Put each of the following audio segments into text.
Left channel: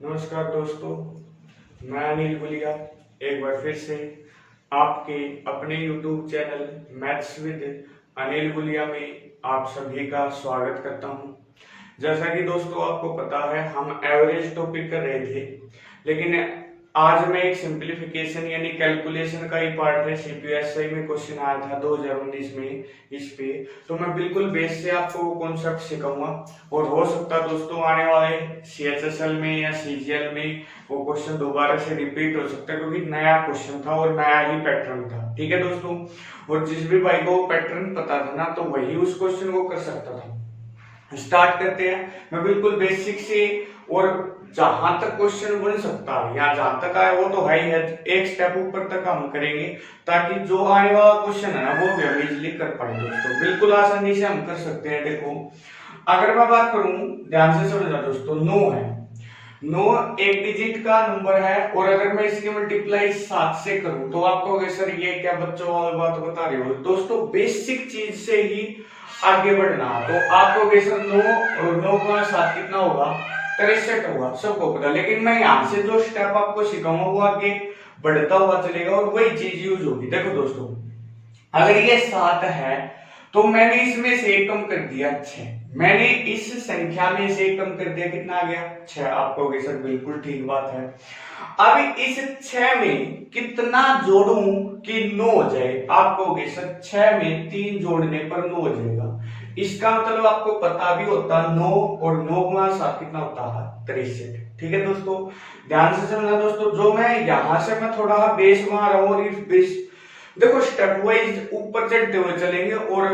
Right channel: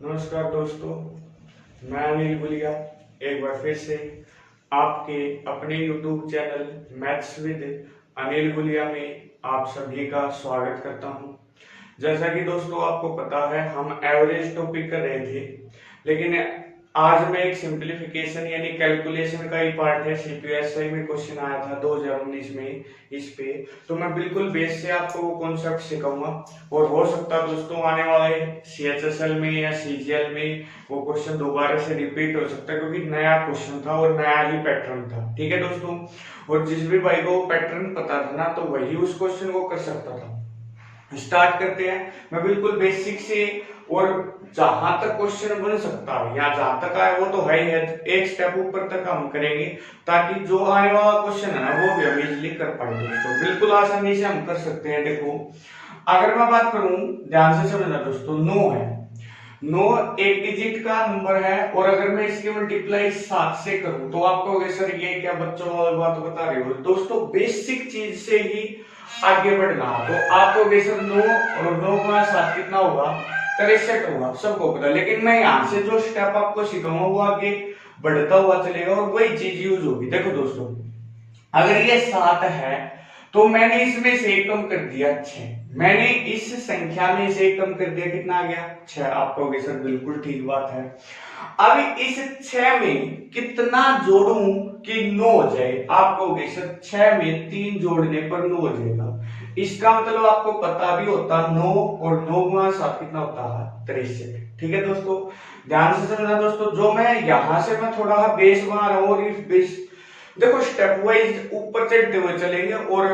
नमस्कार दोस्तों, मैं अनिल गुलिया एक बार फिर से आपके अपने YouTube channel maths with Anil Gulia में आप सभी का स्वागत करता हूं। जैसा कि दोस्तों आपको पता है, हम एवरेज टॉपिक कर रहे थे, लेकिन आज मैं एक सिंप्लीफिकेशन यानी कैलकुलेशन का ही पार्ट है। सीपीएसई में क्वेश्चन आया था 2019 में इस पे, तो मैं बिल्कुल बेस से आपको वो कॉन्सेप्ट सिखाऊंगा और हो सकता है दोस्तों आने वाले सीएचएसएल में या सीजीएल में वो क्वेश्चन दोबारा से रिपीट हो सकता है, क्योंकि नया क्वेश्चन था और नया ही पैटर्न था। ठीक है दोस्तों, और जिस भी भाई को पैटर्न पता था ना, तो वही उस क्वेश्चन को कर सकता था। स्टार्ट करते हैं। मैं बिल्कुल बेसिक से और जहां तक क्वेश्चन बन सकता है या जहां तक आए वो तो है ही है, एक स्टेप ऊपर तक हम करेंगे ताकि जो आने वाला क्वेश्चन है ना वो भी हम इजिली कर पाए दोस्तों। बिल्कुल आसानी से हम कर सकते हैं। देखो, अगर मैं बात करूं, ध्यान से समझना दोस्तों, 9 है। 9 एक डिजिट का नंबर है और अगर मैं इसकी मल्टीप्लाई 7 से करूं तो आप कहोगे सर ये क्या बच्चों वाली बात बता रहे हो। दोस्तों बेसिक चीज से ही आगे बढ़ना, तो आपको बेसर 9 और 9 गुणा 7 कितना होगा, 63 होगा, सबको पता। लेकिन मैं यहाँ से जो स्टेप आपको सिखाऊंगा वो आगे बढ़ता हुआ चलेगा और वही चीज यूज होगी। देखो दोस्तों, अगर ये 7 है तो मैंने इसमें से एक कम कर दिया 6, मैंने इस संख्या में से एक कम कर दिया, कितना आ गया 6। आप कहोगे सर बिल्कुल ठीक बात है। अब इस 6 में कितना जोड़ूं कि 9 हो जाए। आप कहोगे सर 6 में 3 जोड़ने पर 9 हो जाएगा। इसका मतलब आपको पता भी होता 9 और 9 गुणा 7 कितना होता है, 63। ठीक है दोस्तों, ध्यान से समझना दोस्तों। जो मैं यहां से मैं थोड़ा बेस बना रहा हूं और इस बेस देखो स्टेप वाइज ऊपर चढ़ते हुए चलेंगे और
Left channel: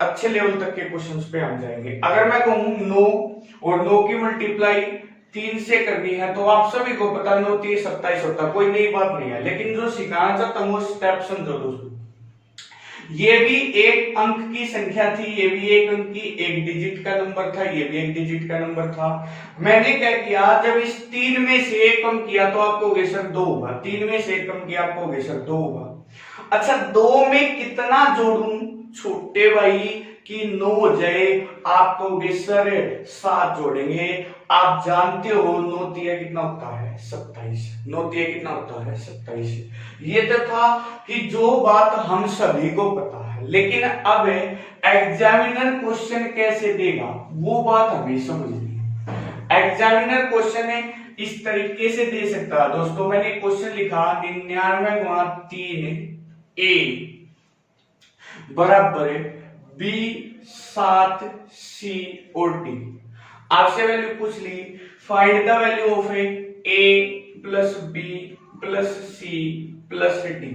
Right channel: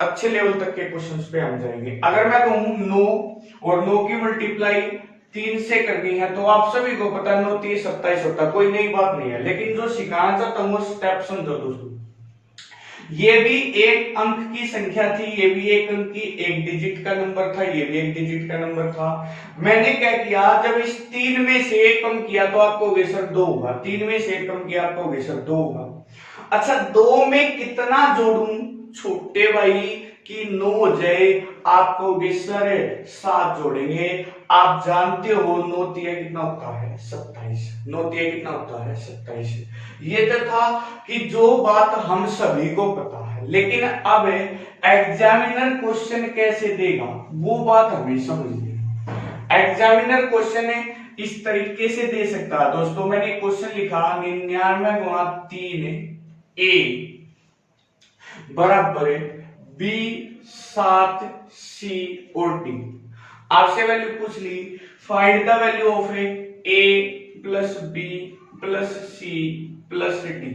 अच्छे लेवल तक के क्वेश्चंस पे हम जाएंगे। अगर मैं कहूं 9 और 9 की मल्टीप्लाई 3 से करनी है तो आप सभी को पता 9 3 27 होता है, कोई नई बात नहीं है। लेकिन जो सिखाना चाहता हूं वो स्टेप समझो दोस्तों। ये भी एक अंक की संख्या थी, ये भी एक अंक की एक डिजिट का नंबर था, ये भी एक डिजिट का नंबर था। मैंने क्या किया, जब इस 3 में से एक कम किया तो आपको सर 2 होगा, 3 में से एक कम किया आपको सर 2 होगा। अच्छा, 2 में कितना जोड़ूं छोटे भाई कि 9 हो जाए। आपको सर 7 जोड़ेंगे। आप जानते हो 9 तिया कितना होता है, 27। 9 तिया कितना होता है, 27। ये तो था कि जो बात हम सभी को पता है, लेकिन अब एग्जामिनर क्वेश्चन कैसे देगा वो बात हमें समझनी है। एग्जामिनर क्वेश्चन इस तरीके से दे सकता है दोस्तों। मैंने क्वेश्चन लिखा 99 गुणा 3 ए बराबर बी 7 सी और डी। आपसे वैल्यू पूछ ली, find the value of a plus B plus C plus d.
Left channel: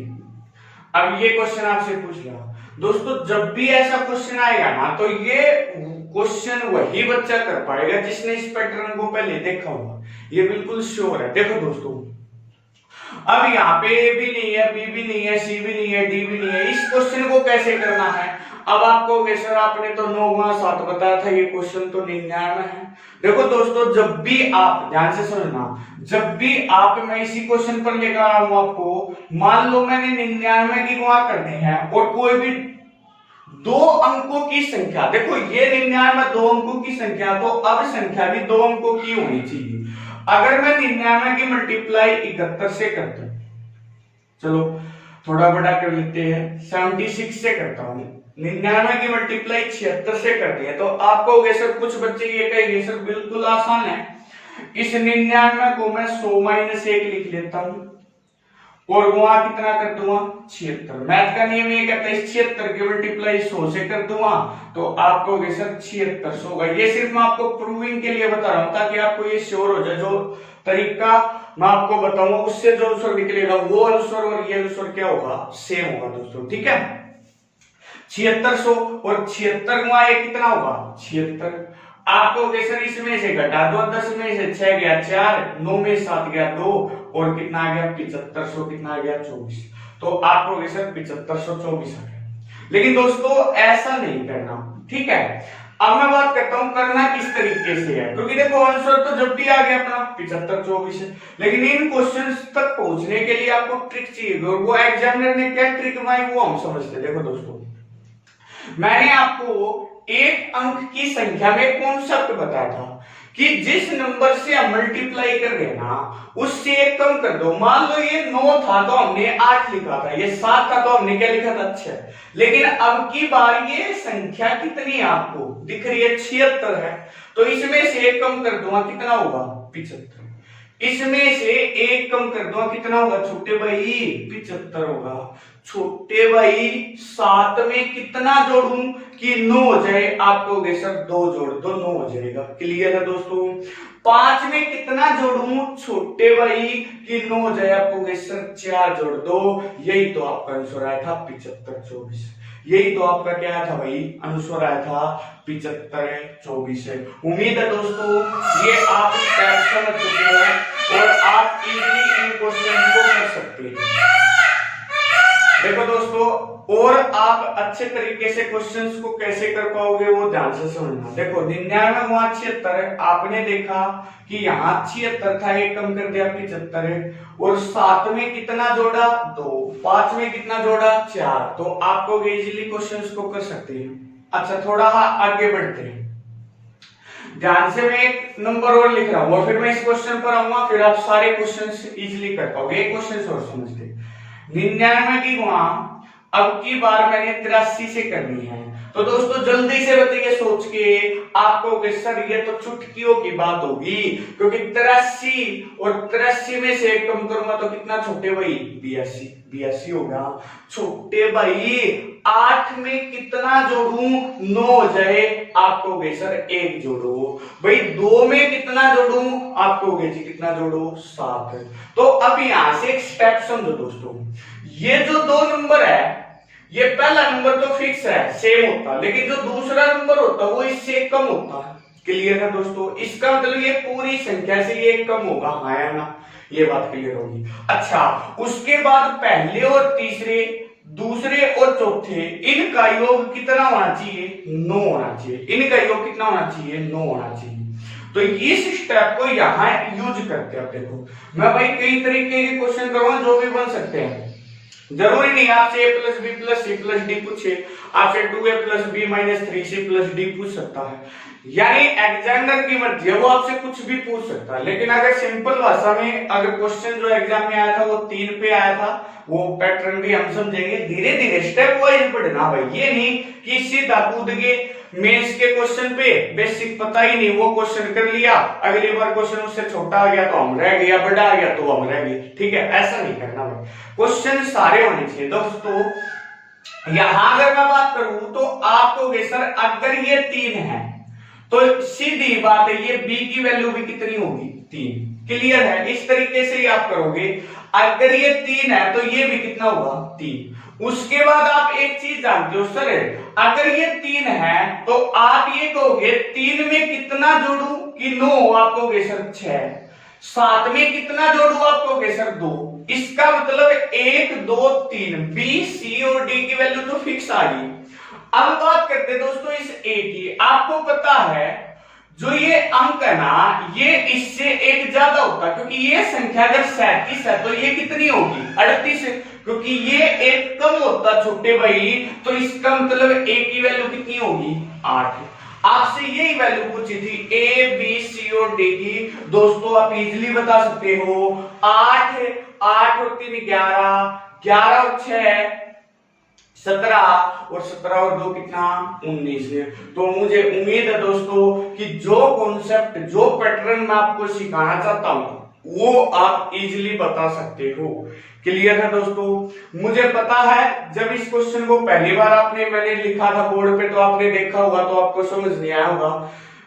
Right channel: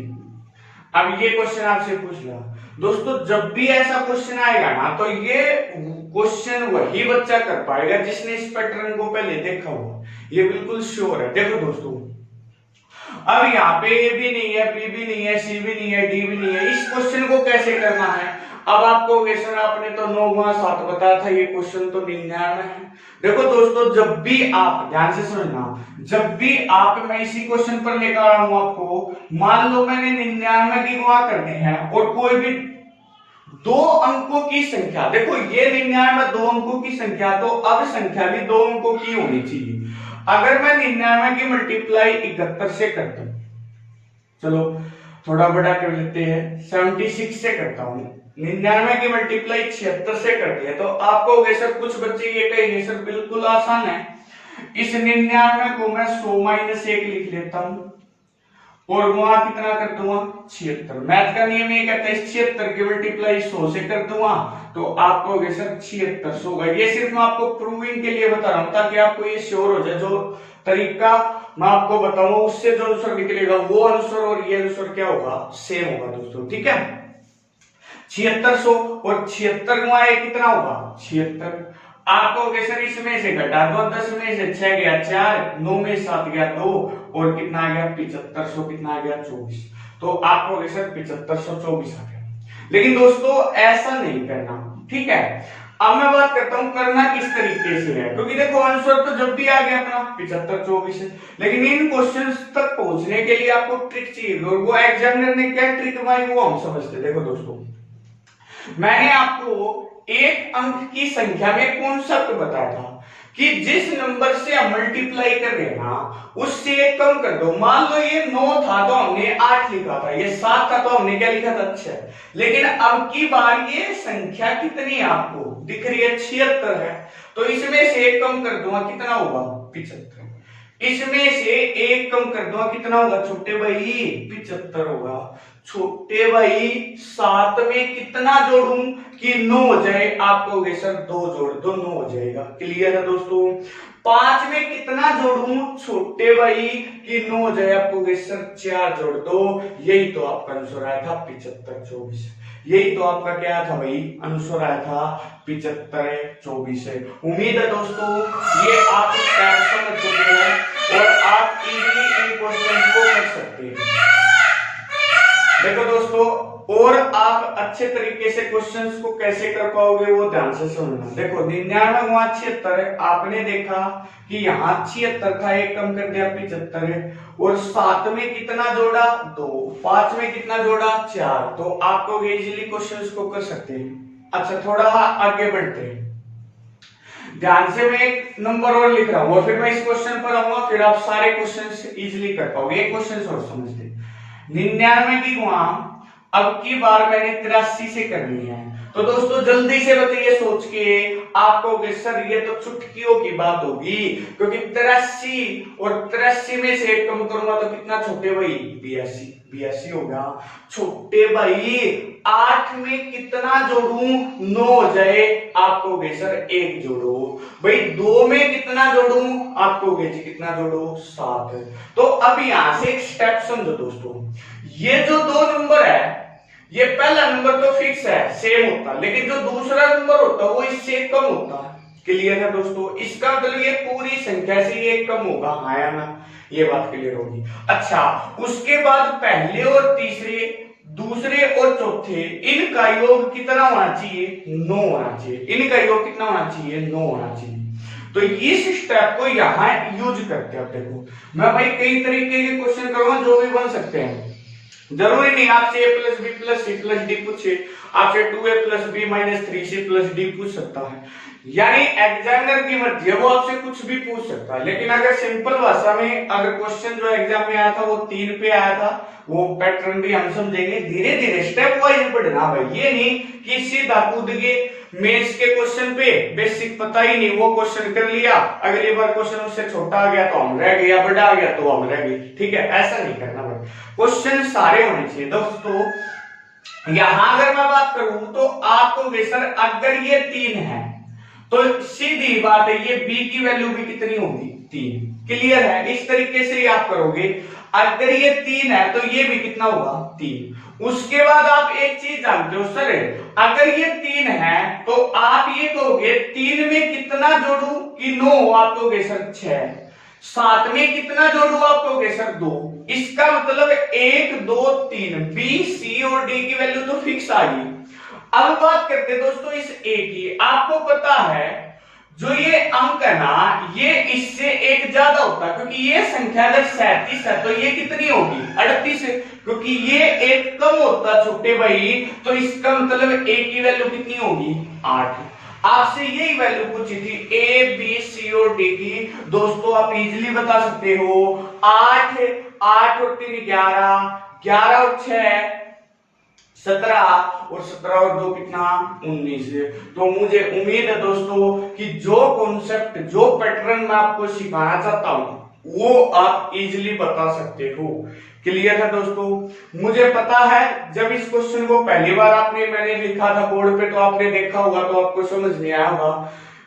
अब ये क्वेश्चन आपसे पूछ लिया दोस्तों। जब भी ऐसा क्वेश्चन आएगा ना तो ये क्वेश्चन वही बच्चा कर पाएगा जिसने इस पैटर्न को पहले देखा होगा, ये बिल्कुल श्योर है। देखो दोस्तों, अब यहाँ पे ए भी नहीं है, बी भी नहीं है, सी भी नहीं है, डी भी नहीं है। इस क्वेश्चन को कैसे करना है। अब आपको सर आपने तो 9 गुणा 7 बताया था, ये क्वेश्चन तो 99 है। देखो दोस्तों, जब भी आप ध्यान से सुनना, जब भी आप मैं इसी क्वेश्चन पर लेकर आ रहा हूं आपको, मान लो मैंने 99 की गुणा करनी है और कोई भी 2 अंकों की संख्या, देखो ये 99 2 अंकों की संख्या, तो अब संख्या भी 2 अंकों की होनी चाहिए। अगर मैं 99 की मल्टीप्लाई 71 से करता हूं, चलो थोड़ा बड़ा कर लेते हैं, 76 से करता हूं। 99 की मल्टीप्लाई 76 से करती है तो आपको सर कुछ बच्चे ये कहेंगे सर बिल्कुल आसान है, इस 99 को मैं 100 माइनस 1 लिख लेता हूं और वहां कितना कर दूंगा 76। मैथ का नियम ये कहता है 76 की मल्टीप्लाई 100 से कर दूंगा तो आपको सर 76 होगा। ये सिर्फ मैं आपको प्रूविंग के लिए बता रहा हूं ताकि आपको ये श्योर हो जाए। जो तरीका मैं आपको बताऊंगा उससे जो आंसर निकलेगा वो आंसर और ये आंसर क्या होगा, सेम होगा दोस्तों। ठीक है, 7600 और 76 गुणा 1 कितना होगा 76। आपको सर इसमें से घटा दो, 10 में से 6 गया 4, 9 में 7 गया 2 और कितना आ गया 7500, कितना आ गया 24। तो आपको सर 7524 आ गया। लेकिन दोस्तों ऐसा नहीं करना, ठीक है। अब मैं बात करता हूं करना किस तरीके से है, क्योंकि देखो आंसर तो जब भी आ गया अपना 7524 है, लेकिन इन क्वेश्चंस तक पहुंचने के लिए आपको ट्रिक चाहिए और वो एग्जामिनर ने क्या ट्रिक बनाई वो हम समझते। देखो दोस्तों, मैंने आपको एक अंक की संख्या में कॉन्सेप्ट बताया था कि जिस नंबर से हम मल्टीप्लाई कर रहे हैं ना उससे एक कम कर दो। मान लो ये 9 था तो हमने 8 लिखा था, ये 7 था तो हमने क्या लिखा था 6। लेकिन अब की बार ये संख्या कितनी है आपको दिख रही है 76 है, तो इसमें से एक कम कर दूंगा कितना होगा 75। इसमें से एक कम कर दूंगा कितना होगा छोटे भाई 75 होगा। छोटे भाई 7 में कितना जोड़ूं कि 9 हो जाए, आप कहोगे सर 2 जोड़ दो 9 हो जाएगा। क्लियर है दोस्तों। 5 में कितना जोड़ूं छोटे भाई कि 9 हो जाए, आप कहोगे सर 4 जोड़ दो। यही तो आपका आंसर आया था 75 24। यही तो आपका क्या था भाई आंसर आया था 75 24 है। उम्मीद है दोस्तों ये आप स्टेप समझ चुके हैं और आप इजीली इन क्वेश्चन को कर सकते हैं। देखो दोस्तों और आप अच्छे तरीके से क्वेश्चंस को कैसे कर पाओगे वो ध्यान से समझना। देखो 99 वहां 76 आपने देखा कि यहाँ 76 था, एक कम कर दिया 75 है, और 7 में कितना जोड़ा 2, 5 में कितना जोड़ा 4, तो आपको इजीली क्वेश्चंस को कर सकते हैं। अच्छा थोड़ा आगे बढ़ते हैं, ध्यान से मैं एक नंबर और लिख रहा हूं और फिर मैं इस क्वेश्चन पर आऊंगा, फिर आप सारे क्वेश्चंस इजीली कर पाओगे। एक क्वेश्चन और समझते 99 की वहां अब की बार मैंने 83 से करनी है, तो दोस्तों जल्दी से बताइए सोच के, आपको सर ये तो चुटकियों की बात होगी, क्योंकि 83 और 83 में से एक कम करूंगा तो कितना छोटे भाई 82 होगा। छोटे भाई 8 में कितना जोड़ूं 9 हो जाए, आपको सर 1 जोड़ो। भाई 2 में कितना जोड़ूं, आपको जी कितना जोड़ो 7। तो अब यहां से एक स्टेप समझो दोस्तों, ये जो 2 नंबर है ये पहला नंबर तो फिक्स है सेम होता, लेकिन जो दूसरा नंबर होता वो इससे कम होता। क्लियर है दोस्तों। इसका मतलब ये पूरी संख्या से ये कम होगा, हाँ या ना, ये बात क्लियर होगी। अच्छा उसके बाद पहले और तीसरे, दूसरे और चौथे, इनका योग कितना होना चाहिए 9 होना चाहिए। इनका योग कितना होना चाहिए 9 होना चाहिए। तो इस स्टेप को यहां यूज करते हैं। देखो मैं भाई कई तरीके के क्वेश्चन करूंगा जो भी बन सकते हैं, जरूरी नहीं आपसे a plus B plus C plus D पूछे, आपसे 2a plus B minus 3c plus D पूछ सकता है, यानी एग्जामिनर की मर्जी है, वो आपसे कुछ भी पूछ सकता है। लेकिन अगर सिंपल भाषा में अगर क्वेश्चन जो एग्जाम में आया था वो 3 पे आया था, वो पैटर्न भी हम समझेंगे। धीरे धीरे स्टेप वाइज पढ़ना भाई, ये नहीं कि सीधा कूद के मेंस के क्वेश्चन पे बेसिक पता ही नहीं वो क्वेश्चन कर लिया, अगली बार क्वेश्चन उससे छोटा आ गया तो हम रह गए, बड़ा आ गया तो हम रह गए। ठीक है, ऐसा नहीं करना भाई, क्वेश्चन सारे होने चाहिए दोस्तों। यहां अगर मैं बात करूं तो आपको सर अगर ये 3 है तो सीधी बात है ये b की वैल्यू भी कितनी होगी 3। क्लियर है, इस तरीके से आप करोगे। अगर ये 3 है तो ये भी कितना होगा 3। उसके बाद आप एक चीज जानते हो सर, अगर ये 3 है तो आप ये कहोगे 3 में कितना जोड़ू कि 9, आप कहोगे सर 6। 7 में कितना जोड़ू, आप कहोगे सर 2। इसका मतलब 1 2 3 बी सी और डी की वैल्यू तो फिक्स आ गई। अब बात करते हैं दोस्तों इस ए की। आपको पता है जो ये अंक है ना ये इससे एक ज्यादा होता है, क्योंकि ये संख्या अगर 37 है तो ये कितनी होगी 38 है, क्योंकि ये एक कम होता छोटे भाई, तो इसका मतलब ए की वैल्यू कितनी होगी 8। आपसे यही वैल्यू पूछी थी ए बी सी और डी की। दोस्तों आप इजीली बता सकते हो 8 और 3 11, 11 और 6 17 और 17 और 2 कितना 19। तो मुझे उम्मीद है दोस्तों कि जो कॉन्सेप्ट जो पैटर्न मैं आपको सिखाना चाहता हूं वो आप इजीली बता सकते हो। क्लियर है दोस्तों। मुझे पता है जब इस क्वेश्चन को पहली बार मैंने लिखा था बोर्ड पे तो आपने देखा होगा तो आपको समझ नहीं आया होगा।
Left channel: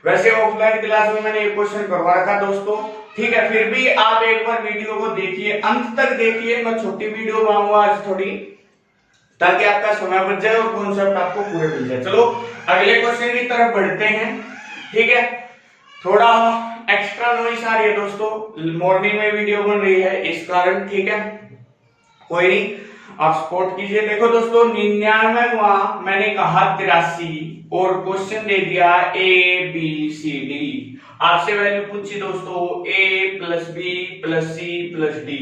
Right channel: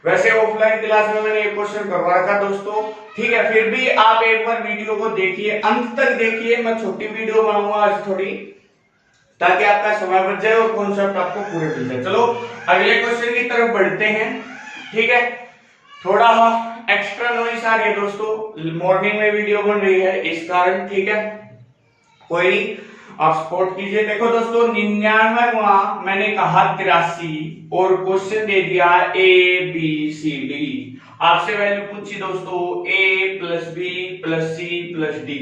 वैसे ऑफलाइन क्लास में मैंने ये क्वेश्चन करवा रखा दोस्तों, ठीक है, फिर भी आप एक बार वीडियो को देखिए, अंत तक देखिए। मैं छोटी वीडियो बनाऊंगा आज थोड़ी, ताकि आपका समय बच जाए और कॉन्सेप्ट आपको पूरे मिल जाए। चलो अगले क्वेश्चन की तरफ बढ़ते हैं। ठीक है, थोड़ा एक्स्ट्रा नॉइस आ रही है दोस्तों, मॉर्निंग में वीडियो बन रही है इस कारण। ठीक है, कोई नहीं, आप सपोर्ट कीजिए। देखो दोस्तों 99वां मैंने कहा 83 और क्वेश्चन दे दिया ए बी सी डी। आपसे वैल्यू पूछी दोस्तों a plus B plus C plus D.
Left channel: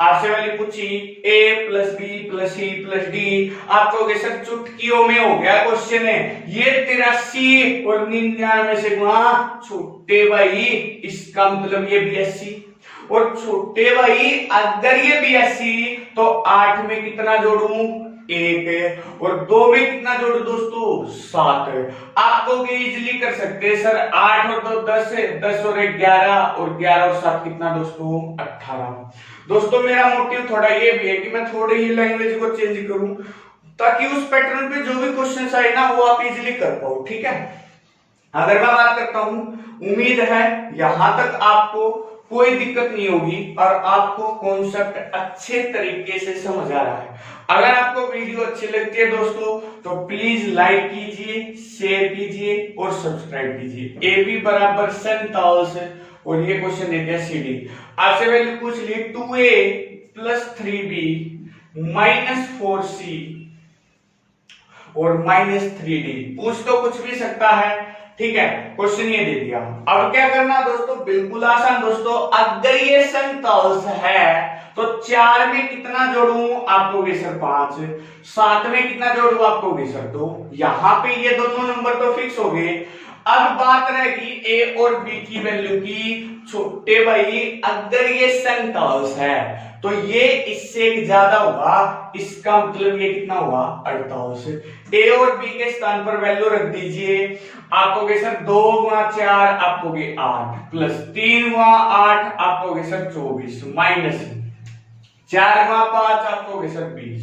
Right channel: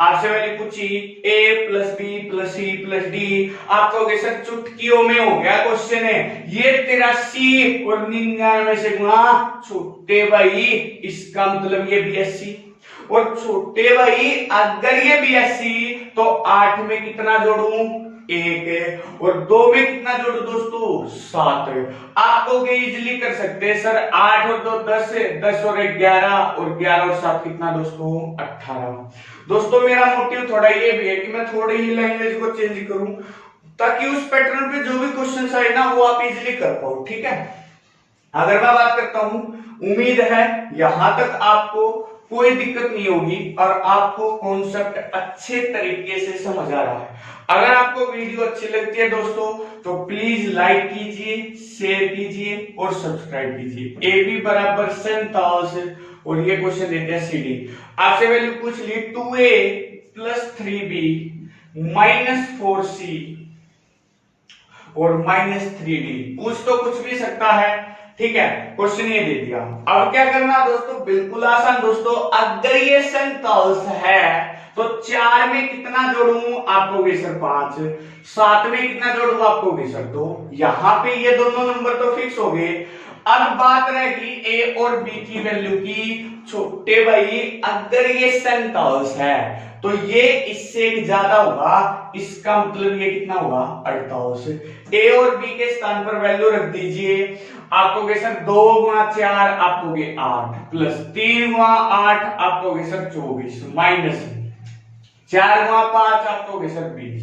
आपसे वैल्यू पूछी a plus B plus C plus D. आप कहोगे सर चुटकियों में हो गया क्वेश्चन है, ये 83 और 99 से गुणा। छोटे भाई इसका मतलब ये 82, और छोटे भाई अगर ये 82 तो 8 में कितना जोड़ू 1, और 2 में कितना जोड़ू दोस्तों 7। आप तो इजिली कर सकते हैं सर, 8 और 2 10 है, 10 और 1 11, और 11 और 7 कितना दोस्तों 18। दोस्तों मेरा मोटिव थोड़ा ये भी है कि मैं थोड़ी ही लैंग्वेज को चेंज करूं ताकि उस पैटर्न पे जो भी क्वेश्चन आए ना वो आप इजिली कर पाओ, ठीक है। अगर मैं बात करता हूं, उम्मीद है यहां तक आपको कोई दिक्कत नहीं होगी और आपको कॉन्सेप्ट अच्छे तरीके से समझ आ रहा है। अगर आपको वीडियो अच्छी लगती है दोस्तों तो प्लीज लाइक कीजिए, शेयर कीजिए और सब्सक्राइब कीजिए। ए बी बराबर 47 और ये क्वेश्चन देते हैं सी डी। आपसे वैल्यू पूछ ली 2a plus 3b minus 4c और माइनस 3d। पूछ तो कुछ भी सकता है, ठीक है, क्वेश्चन ये दे दिया। अब क्या करना दोस्तों, बिल्कुल आसान दोस्तों। अगर ये 47 है तो 4 में कितना जोड़ू आपको सर 5, 7 में कितना जोड़ू आपको सर 2। यहां पे ये दोनों नंबर तो फिक्स हो गए। अब बात रहेगी ए और बी की वैल्यू की। छोटे भाई अगर ये 47 है तो ये इससे एक ज्यादा होगा, इसका मतलब ये कितना हुआ 48। ए और बी के स्थान पर वैल्यू रख दीजिए। आपको सर 2 गुणा 4 आपको 8 प्लस 3 गुणा 8 आपको सर 24 माइनस 4 गुणा 5 आपको सर 20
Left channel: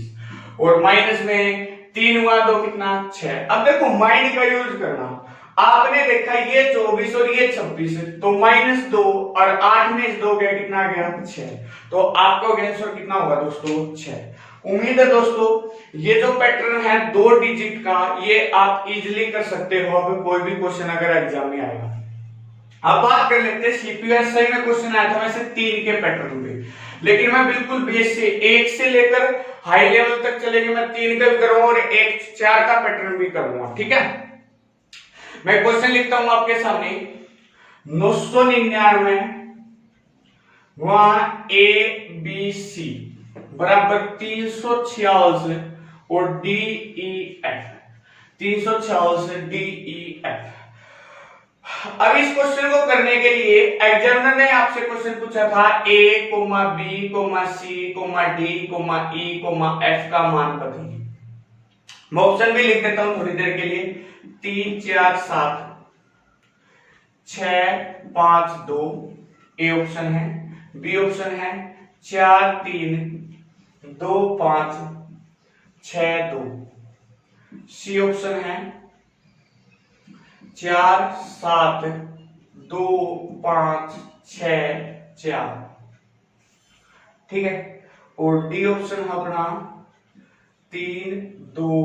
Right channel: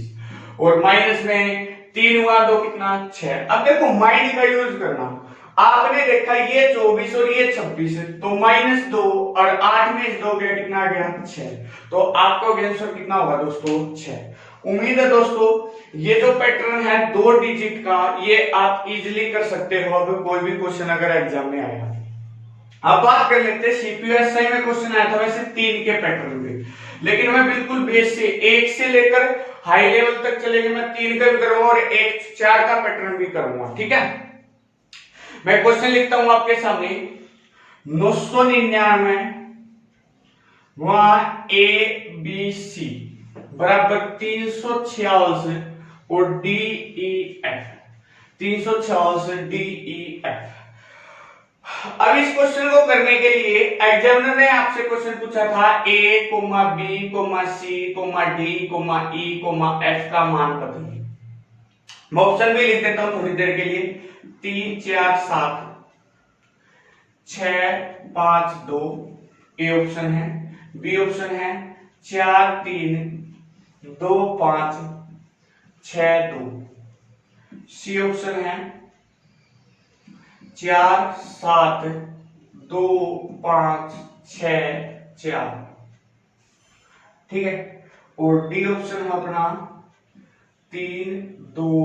और माइनस में 3 गुणा 2 कितना 6। अब देखो माइंड का यूज करना। आपने देखा ये 24 और ये 26 तो माइनस 2 और 8 में इस 2 गया कितना गया 6, तो आपको आंसर कितना होगा दोस्तों 6। उम्मीद है दोस्तों ये जो पैटर्न है 2 डिजिट का ये आप इजीली कर सकते हो। अब कोई भी क्वेश्चन अगर एग्जाम में आएगा। अब बात कर लेते हैं सीपीएसआई में क्वेश्चन आया था वैसे 3 के पैटर्न पे, लेकिन मैं बिल्कुल बेस से 1 से लेकर हाई लेवल तक चलेंगे। मैं 3 का भी करूंगा और 1 4 का पैटर्न भी करूंगा, ठीक है। मैं क्वेश्चन लिखता हूं आपके सामने 999 वहां ए बी सी बराबर 346 और D E F 346 D E F. अब इस क्वेश्चन को करने के लिए एग्जामिनर ने आपसे क्वेश्चन पूछा था a comma b comma c comma d comma e comma f का मान बताइए। मैं ऑप्शन भी लिख देता हूं थोड़ी देर के लिए। 3 4 7 6 5 2 ए ऑप्शन है। बी ऑप्शन है 4 3 2 5 6 2। सी ऑप्शन है 4 7 2 5 6 4, ठीक है। और डी ऑप्शन है अपना 3 2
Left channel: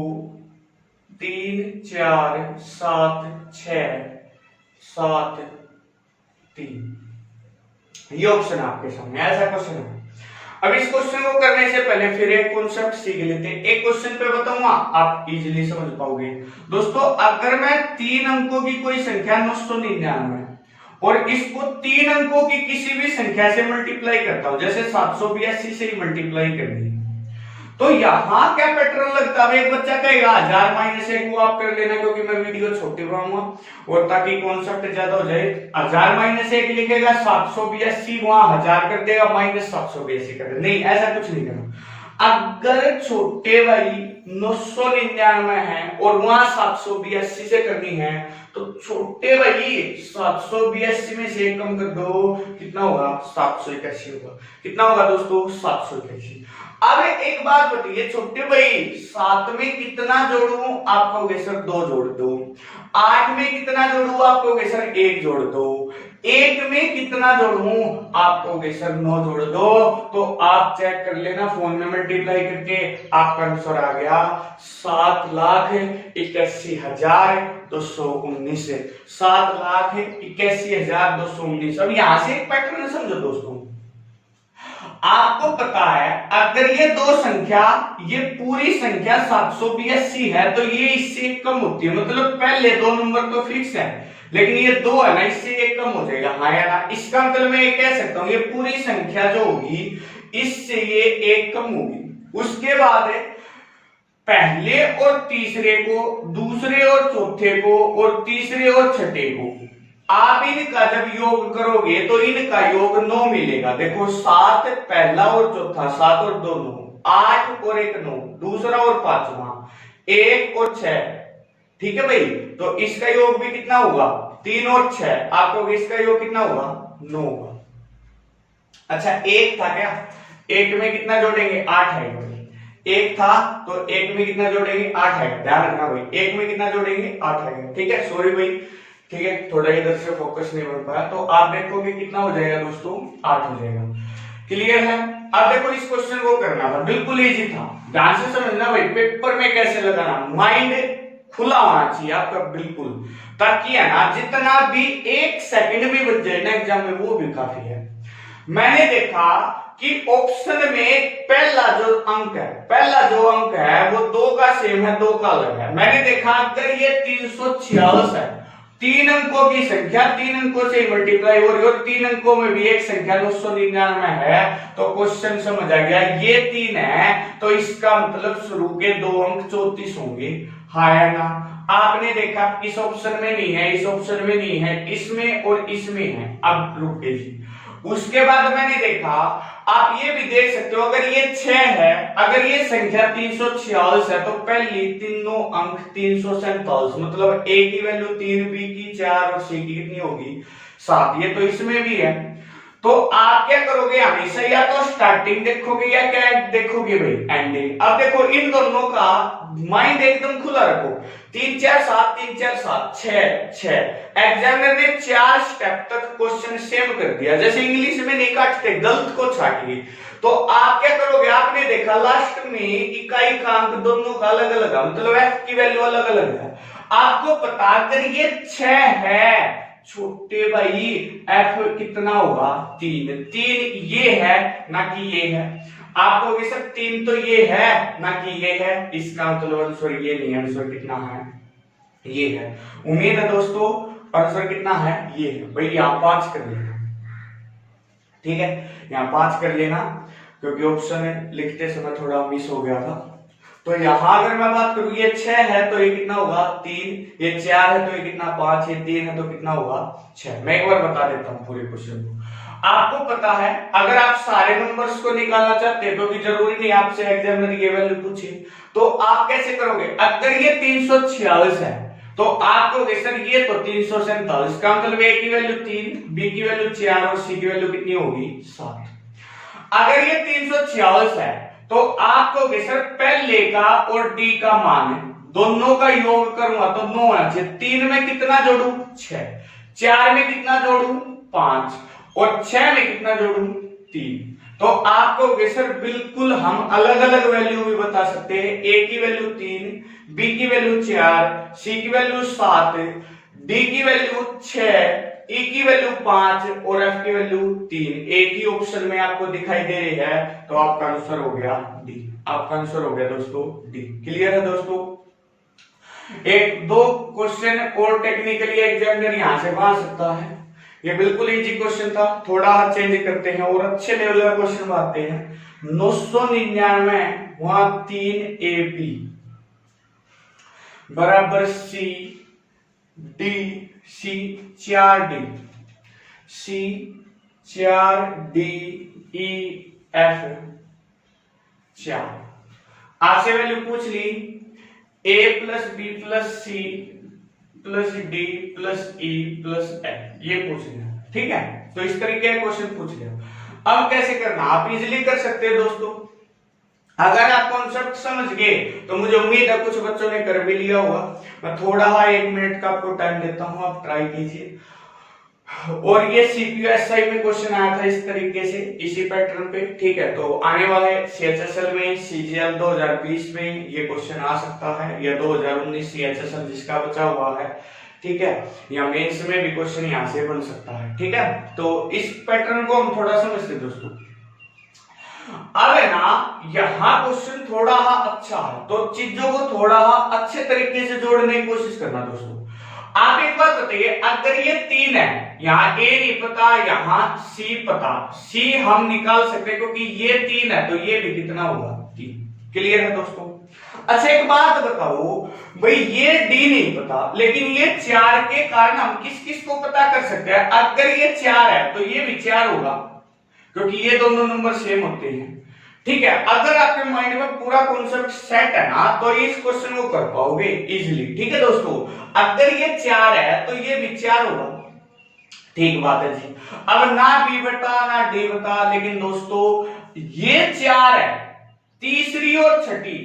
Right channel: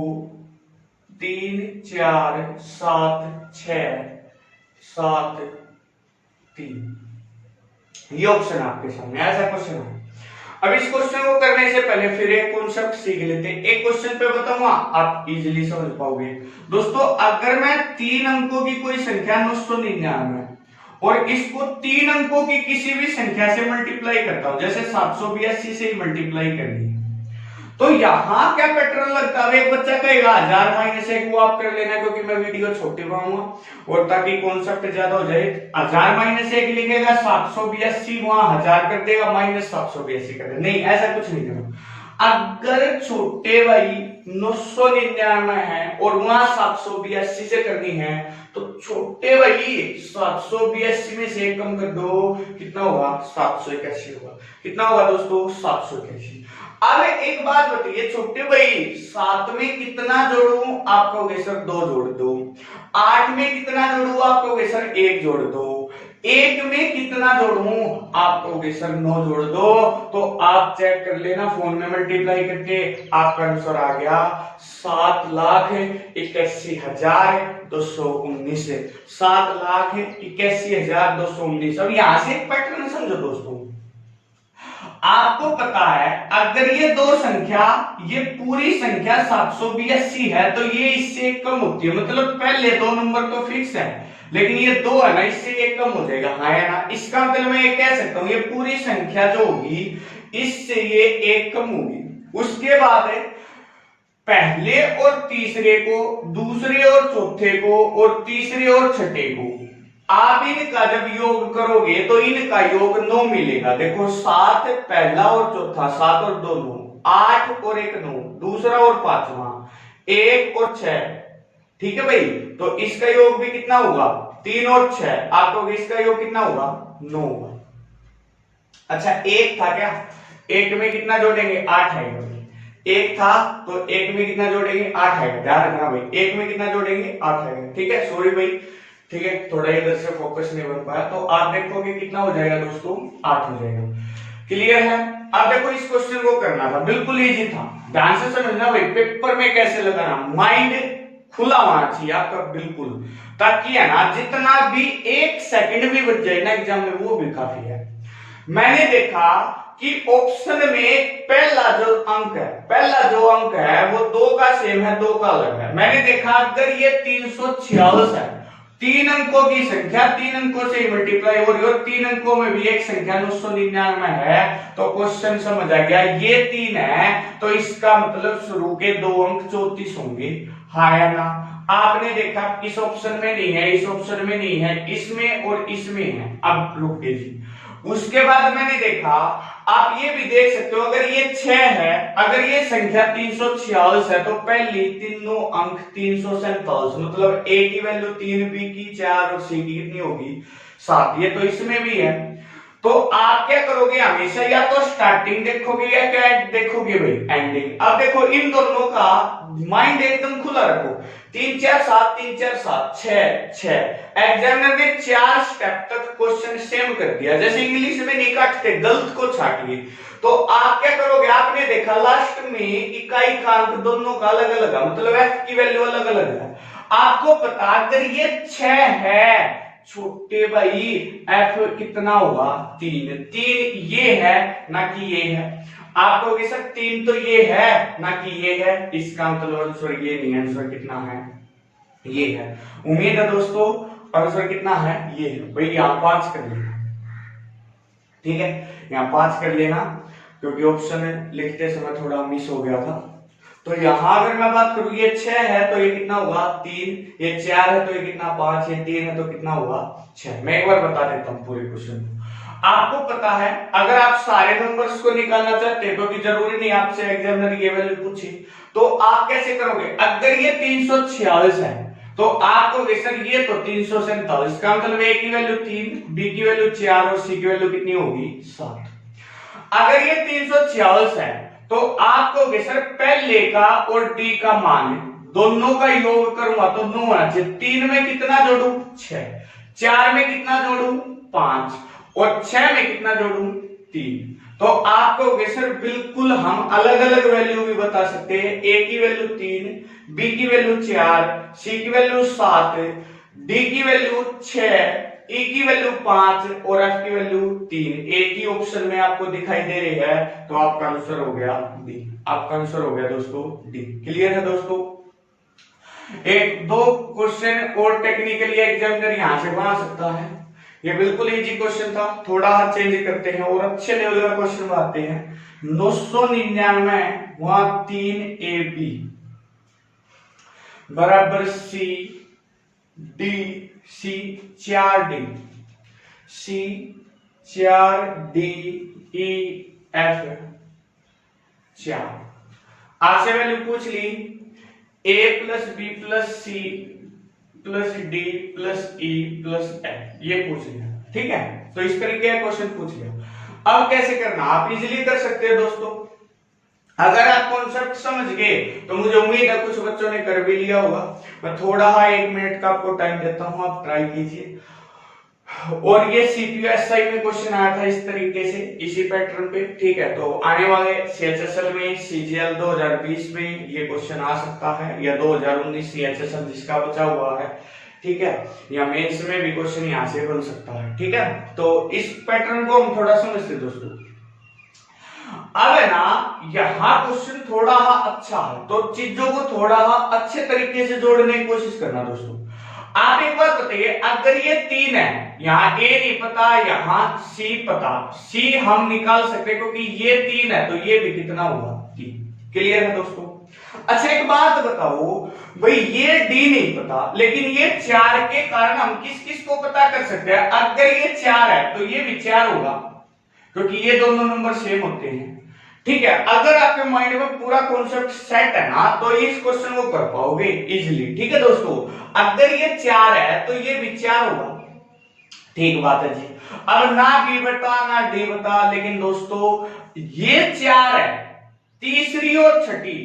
3 4 7 6 7 3। ये ऑप्शन आपके सामने ऐसा क्वेश्चन है। अब इस क्वेश्चन को करने से पहले फिर एक कॉन्सेप्ट सीख लेते हैं। एक क्वेश्चन पे बताऊंगा आप इजीली समझ पाओगे दोस्तों। अगर मैं 3 अंकों की कोई संख्या 999 और इसको 3 अंकों की किसी भी संख्या से मल्टीप्लाई करता हूं, जैसे 782 से ही मल्टीप्लाई करनी है, तो यहां क्या पैटर्न लगता है। एक बच्चा कहेगा 1000 माइनस 1 वो आप कर लेना, क्योंकि मैं वीडियो छोटे बनाऊंगा और ताकि कॉन्सेप्ट ज्यादा हो जाए। 1000 माइनस 1 लिखेगा 782 वहां 1000 कर देगा माइनस 782 कर देगा। नहीं, ऐसा कुछ नहीं करना। अगर छोटे भाई 999 है और वहां 782 से करनी है तो छोटे भाई 782 में से कम कर दो, कितना होगा 781 होगा। कितना होगा दोस्तों 781। अब एक बात बताइए छोटे भाई 7 में कितना जोड़ू आप कहोगे सर 2 जोड़ दो। 8 में कितना जोड़ू आप कहोगे सर 1 जोड़ दो। 1 में कितना जोड़ू आप कहोगे सर 9 जोड़ दो। तो आप चेक कर लेना फोन में मल्टीप्लाई करके, आपका आंसर आ गया 7,81,219। 7,81,219। अब यहां से एक पैटर्न समझो दोस्तों। आपको पता है अगर ये दो संख्या, ये पूरी संख्या 782 है तो ये इससे कम होती है, मतलब पहले 2 नंबर तो फिक्स है लेकिन ये 2 है ना, इससे ये कम हो जाएगा, हाँ है ना। इसका मतलब मैं ये कह सकता हूं ये पूरी संख्या जो होगी इससे ये 1 कम होगी। उसके बाद है पहले और तीसरे को, दूसरे और चौथे को, और तीसरे और छठे को, आप इनका जब योग करोगे तो इनका योग 9 मिलेगा। देखो 7 पहला और चौथा, 7 और 2 9, 8 और 1 9, दूसरा और पांचवा 1 और 6, ठीक है भाई। तो इसका योग भी कितना होगा 3 और 6, आपको इसका योग कितना होगा 9 होगा। अच्छा एक था क्या, एक में कितना जोड़ेंगे 8 आएगा, एक था तो एक में कितना जोड़ेंगे 8 आएगा, ध्यान रखना भाई, एक में कितना जोड़ेंगे 8 आएगा, ठीक है। सॉरी भाई, ठीक है, थोड़ा इधर से फोकस नहीं बन पाया। तो आप देखोगे कितना हो जाएगा दोस्तों 8 हो जाएगा, क्लियर है। अब देखो इस क्वेश्चन को करना था, बिल्कुल इजी था, ध्यान से समझना भाई, पेपर में कैसे लगाना, माइंड खुला होना चाहिए आपका बिल्कुल, ताकि है ना जितना भी 1 सेकंड भी बच जाए ना एग्जाम में वो भी काफी है। मैंने देखा कि ऑप्शन में पहला जो अंक है वो 2 का सेम है, 2 का अलग है। मैंने देखा अगर ये 346 है, 3 अंकों की संख्या 3 अंकों से मल्टीप्लाई हो रही है और 3 अंकों में भी एक संख्या 999 है, तो क्वेश्चन समझ आ गया। ये 3 है तो इसका मतलब शुरू के 2 अंक 34 होंगे, हाँ या ना। आपने देखा इस ऑप्शन में नहीं है, इस ऑप्शन में नहीं है, इसमें और इसमें है। अब रुके जी, उसके बाद मैंने देखा, आप ये भी देख सकते हो, अगर ये 6 है, अगर ये संख्या 346 है तो पहली तीनों अंक 347, मतलब a की वैल्यू 3, b की 4 और c की कितनी होगी 7। ये तो इसमें भी है। तो आप क्या करोगे हमेशा, या तो स्टार्टिंग देखोगे या क्या देखोगे भाई एंडिंग। अब देखो इन दोनों का माइंड एकदम खुला रखो, 3 4 7 3 4 7 6 एग्जामिनर ने 4 स्टेप तक क्वेश्चन सेम कर दिया, जैसे इंग्लिश में नहीं काटते, गलत को छाटिए। तो आप क्या करोगे, आपने देखा लास्ट में इकाई का अंक दोनों का अलग अलग है, मतलब f की वैल्यू अलग अलग है। आपको पता अगर ये 6 है छोटे भाई, f कितना होगा 3, 3 ये है ना कि ये है। आप कहोगे सर 3 तो ये है ना कि ये है, इसका मतलब आंसर ये नहीं है, आंसर कितना है ये है। उम्मीद है दोस्तों आंसर कितना है ये है भाई। यहां 5 कर लेना, ठीक है, यहां 5 कर लेना, क्योंकि ऑप्शन लिखते समय थोड़ा मिस हो गया था। तो यहां अगर मैं बात करूं, ये 6 है तो ये कितना होगा 3, ये 4 है तो ये कितना 5, ये 3 है तो कितना होगा 6। मैं एक बार बता देता हूं पूरे क्वेश्चन को। आपको पता है अगर आप सारे नंबर्स को निकालना चाहते हैं, क्योंकि जरूरी नहीं आपसे एग्जामिनर ये वैल्यू पूछे, तो आप कैसे करोगे। अगर ये 346 है तो आपको सर ये तो 347, का मतलब a की वैल्यू 3, b की वैल्यू 4 और c की वैल्यू कितनी होगी 7। अगर ये 346 है तो आप कहोगे सर पहले का और d का मान दोनों का योग करूंगा तो 9 होना चाहिए। 3 में कितना जोड़ू 6, 4 में कितना जोड़ू 5 और 6 में कितना जोड़ू 3। तो आप कहोगे सर बिल्कुल हम अलग अलग वैल्यू भी बता सकते हैं, a की वैल्यू 3, b की वैल्यू 4, c की वैल्यू 7, d की वैल्यू 6, e की वैल्यू 5 और f की वैल्यू 3। एक ही ऑप्शन में आपको दिखाई दे रही है, तो आपका आंसर हो गया डी। आपका आंसर हो गया दोस्तों डी। क्लियर है दोस्तों। एक दो क्वेश्चन और टेक्निकली एग्जामिनर यहां से बना सकता है। ये बिल्कुल इजी क्वेश्चन था, थोड़ा हाथ चेंज करते हैं और अच्छे लेवल का क्वेश्चन बनाते हैं। 999 वहां 3ab बराबर c d c 4d c 4d e f 4। आपसे वैल्यू पूछ ली a plus B plus C plus D plus E plus F, ये पूछ लिया, ठीक है। तो इस तरीके का क्वेश्चन पूछ लिया। अब कैसे करना आप इजीली कर सकते हैं दोस्तों। अगर आप कॉन्सेप्ट समझ गए तो मुझे उम्मीद है कुछ बच्चों ने कर भी लिया होगा। मैं थोड़ा 1 मिनट का आपको टाइम देता हूं, आप ट्राई कीजिए। और ये CPSI में क्वेश्चन आया था इस तरीके से, इसी पैटर्न पे, ठीक है। तो आने वाले CHSL में, CGL 2020 में ये क्वेश्चन आ सकता है, या 2019 CHSL जिसका बचा हुआ है, ठीक है, या मेंस में भी क्वेश्चन यहाँ से बन सकता है, ठीक है। तो इस पैटर्न को हम थोड़ा समझते दोस्तों। अब है ना यहाँ क्वेश्चन थोड़ा अच्छा है, तो चीजों को थोड़ा अच्छे तरीके से जोड़ने की कोशिश करना दोस्तों। आप एक बात बताइए, अगर ये 3 है, यहाँ A नहीं पता, यहाँ C पता, C हम निकाल सकते हैं क्योंकि ये 3 है, तो ये भी कितना होगा 3। क्लियर है दोस्तों? अच्छा एक बात बताओ भाई, ये D नहीं पता लेकिन ये 4 के कारण हम किस किस को पता कर सकते हैं? अगर ये 4 है तो ये भी 4 होगा क्योंकि ये दोनों नंबर सेम होते हैं। ठीक है, अगर आपके माइंड में पूरा कॉन्सेप्ट सेट है ना तो इस क्वेश्चन को कर पाओगे इजीली। ठीक है दोस्तों, अगर ये 4 है तो ये भी 4 होगा। ठीक बात है जी। अब ना B बता ना D बता, लेकिन दोस्तों ये 4 है, तीसरी और छठी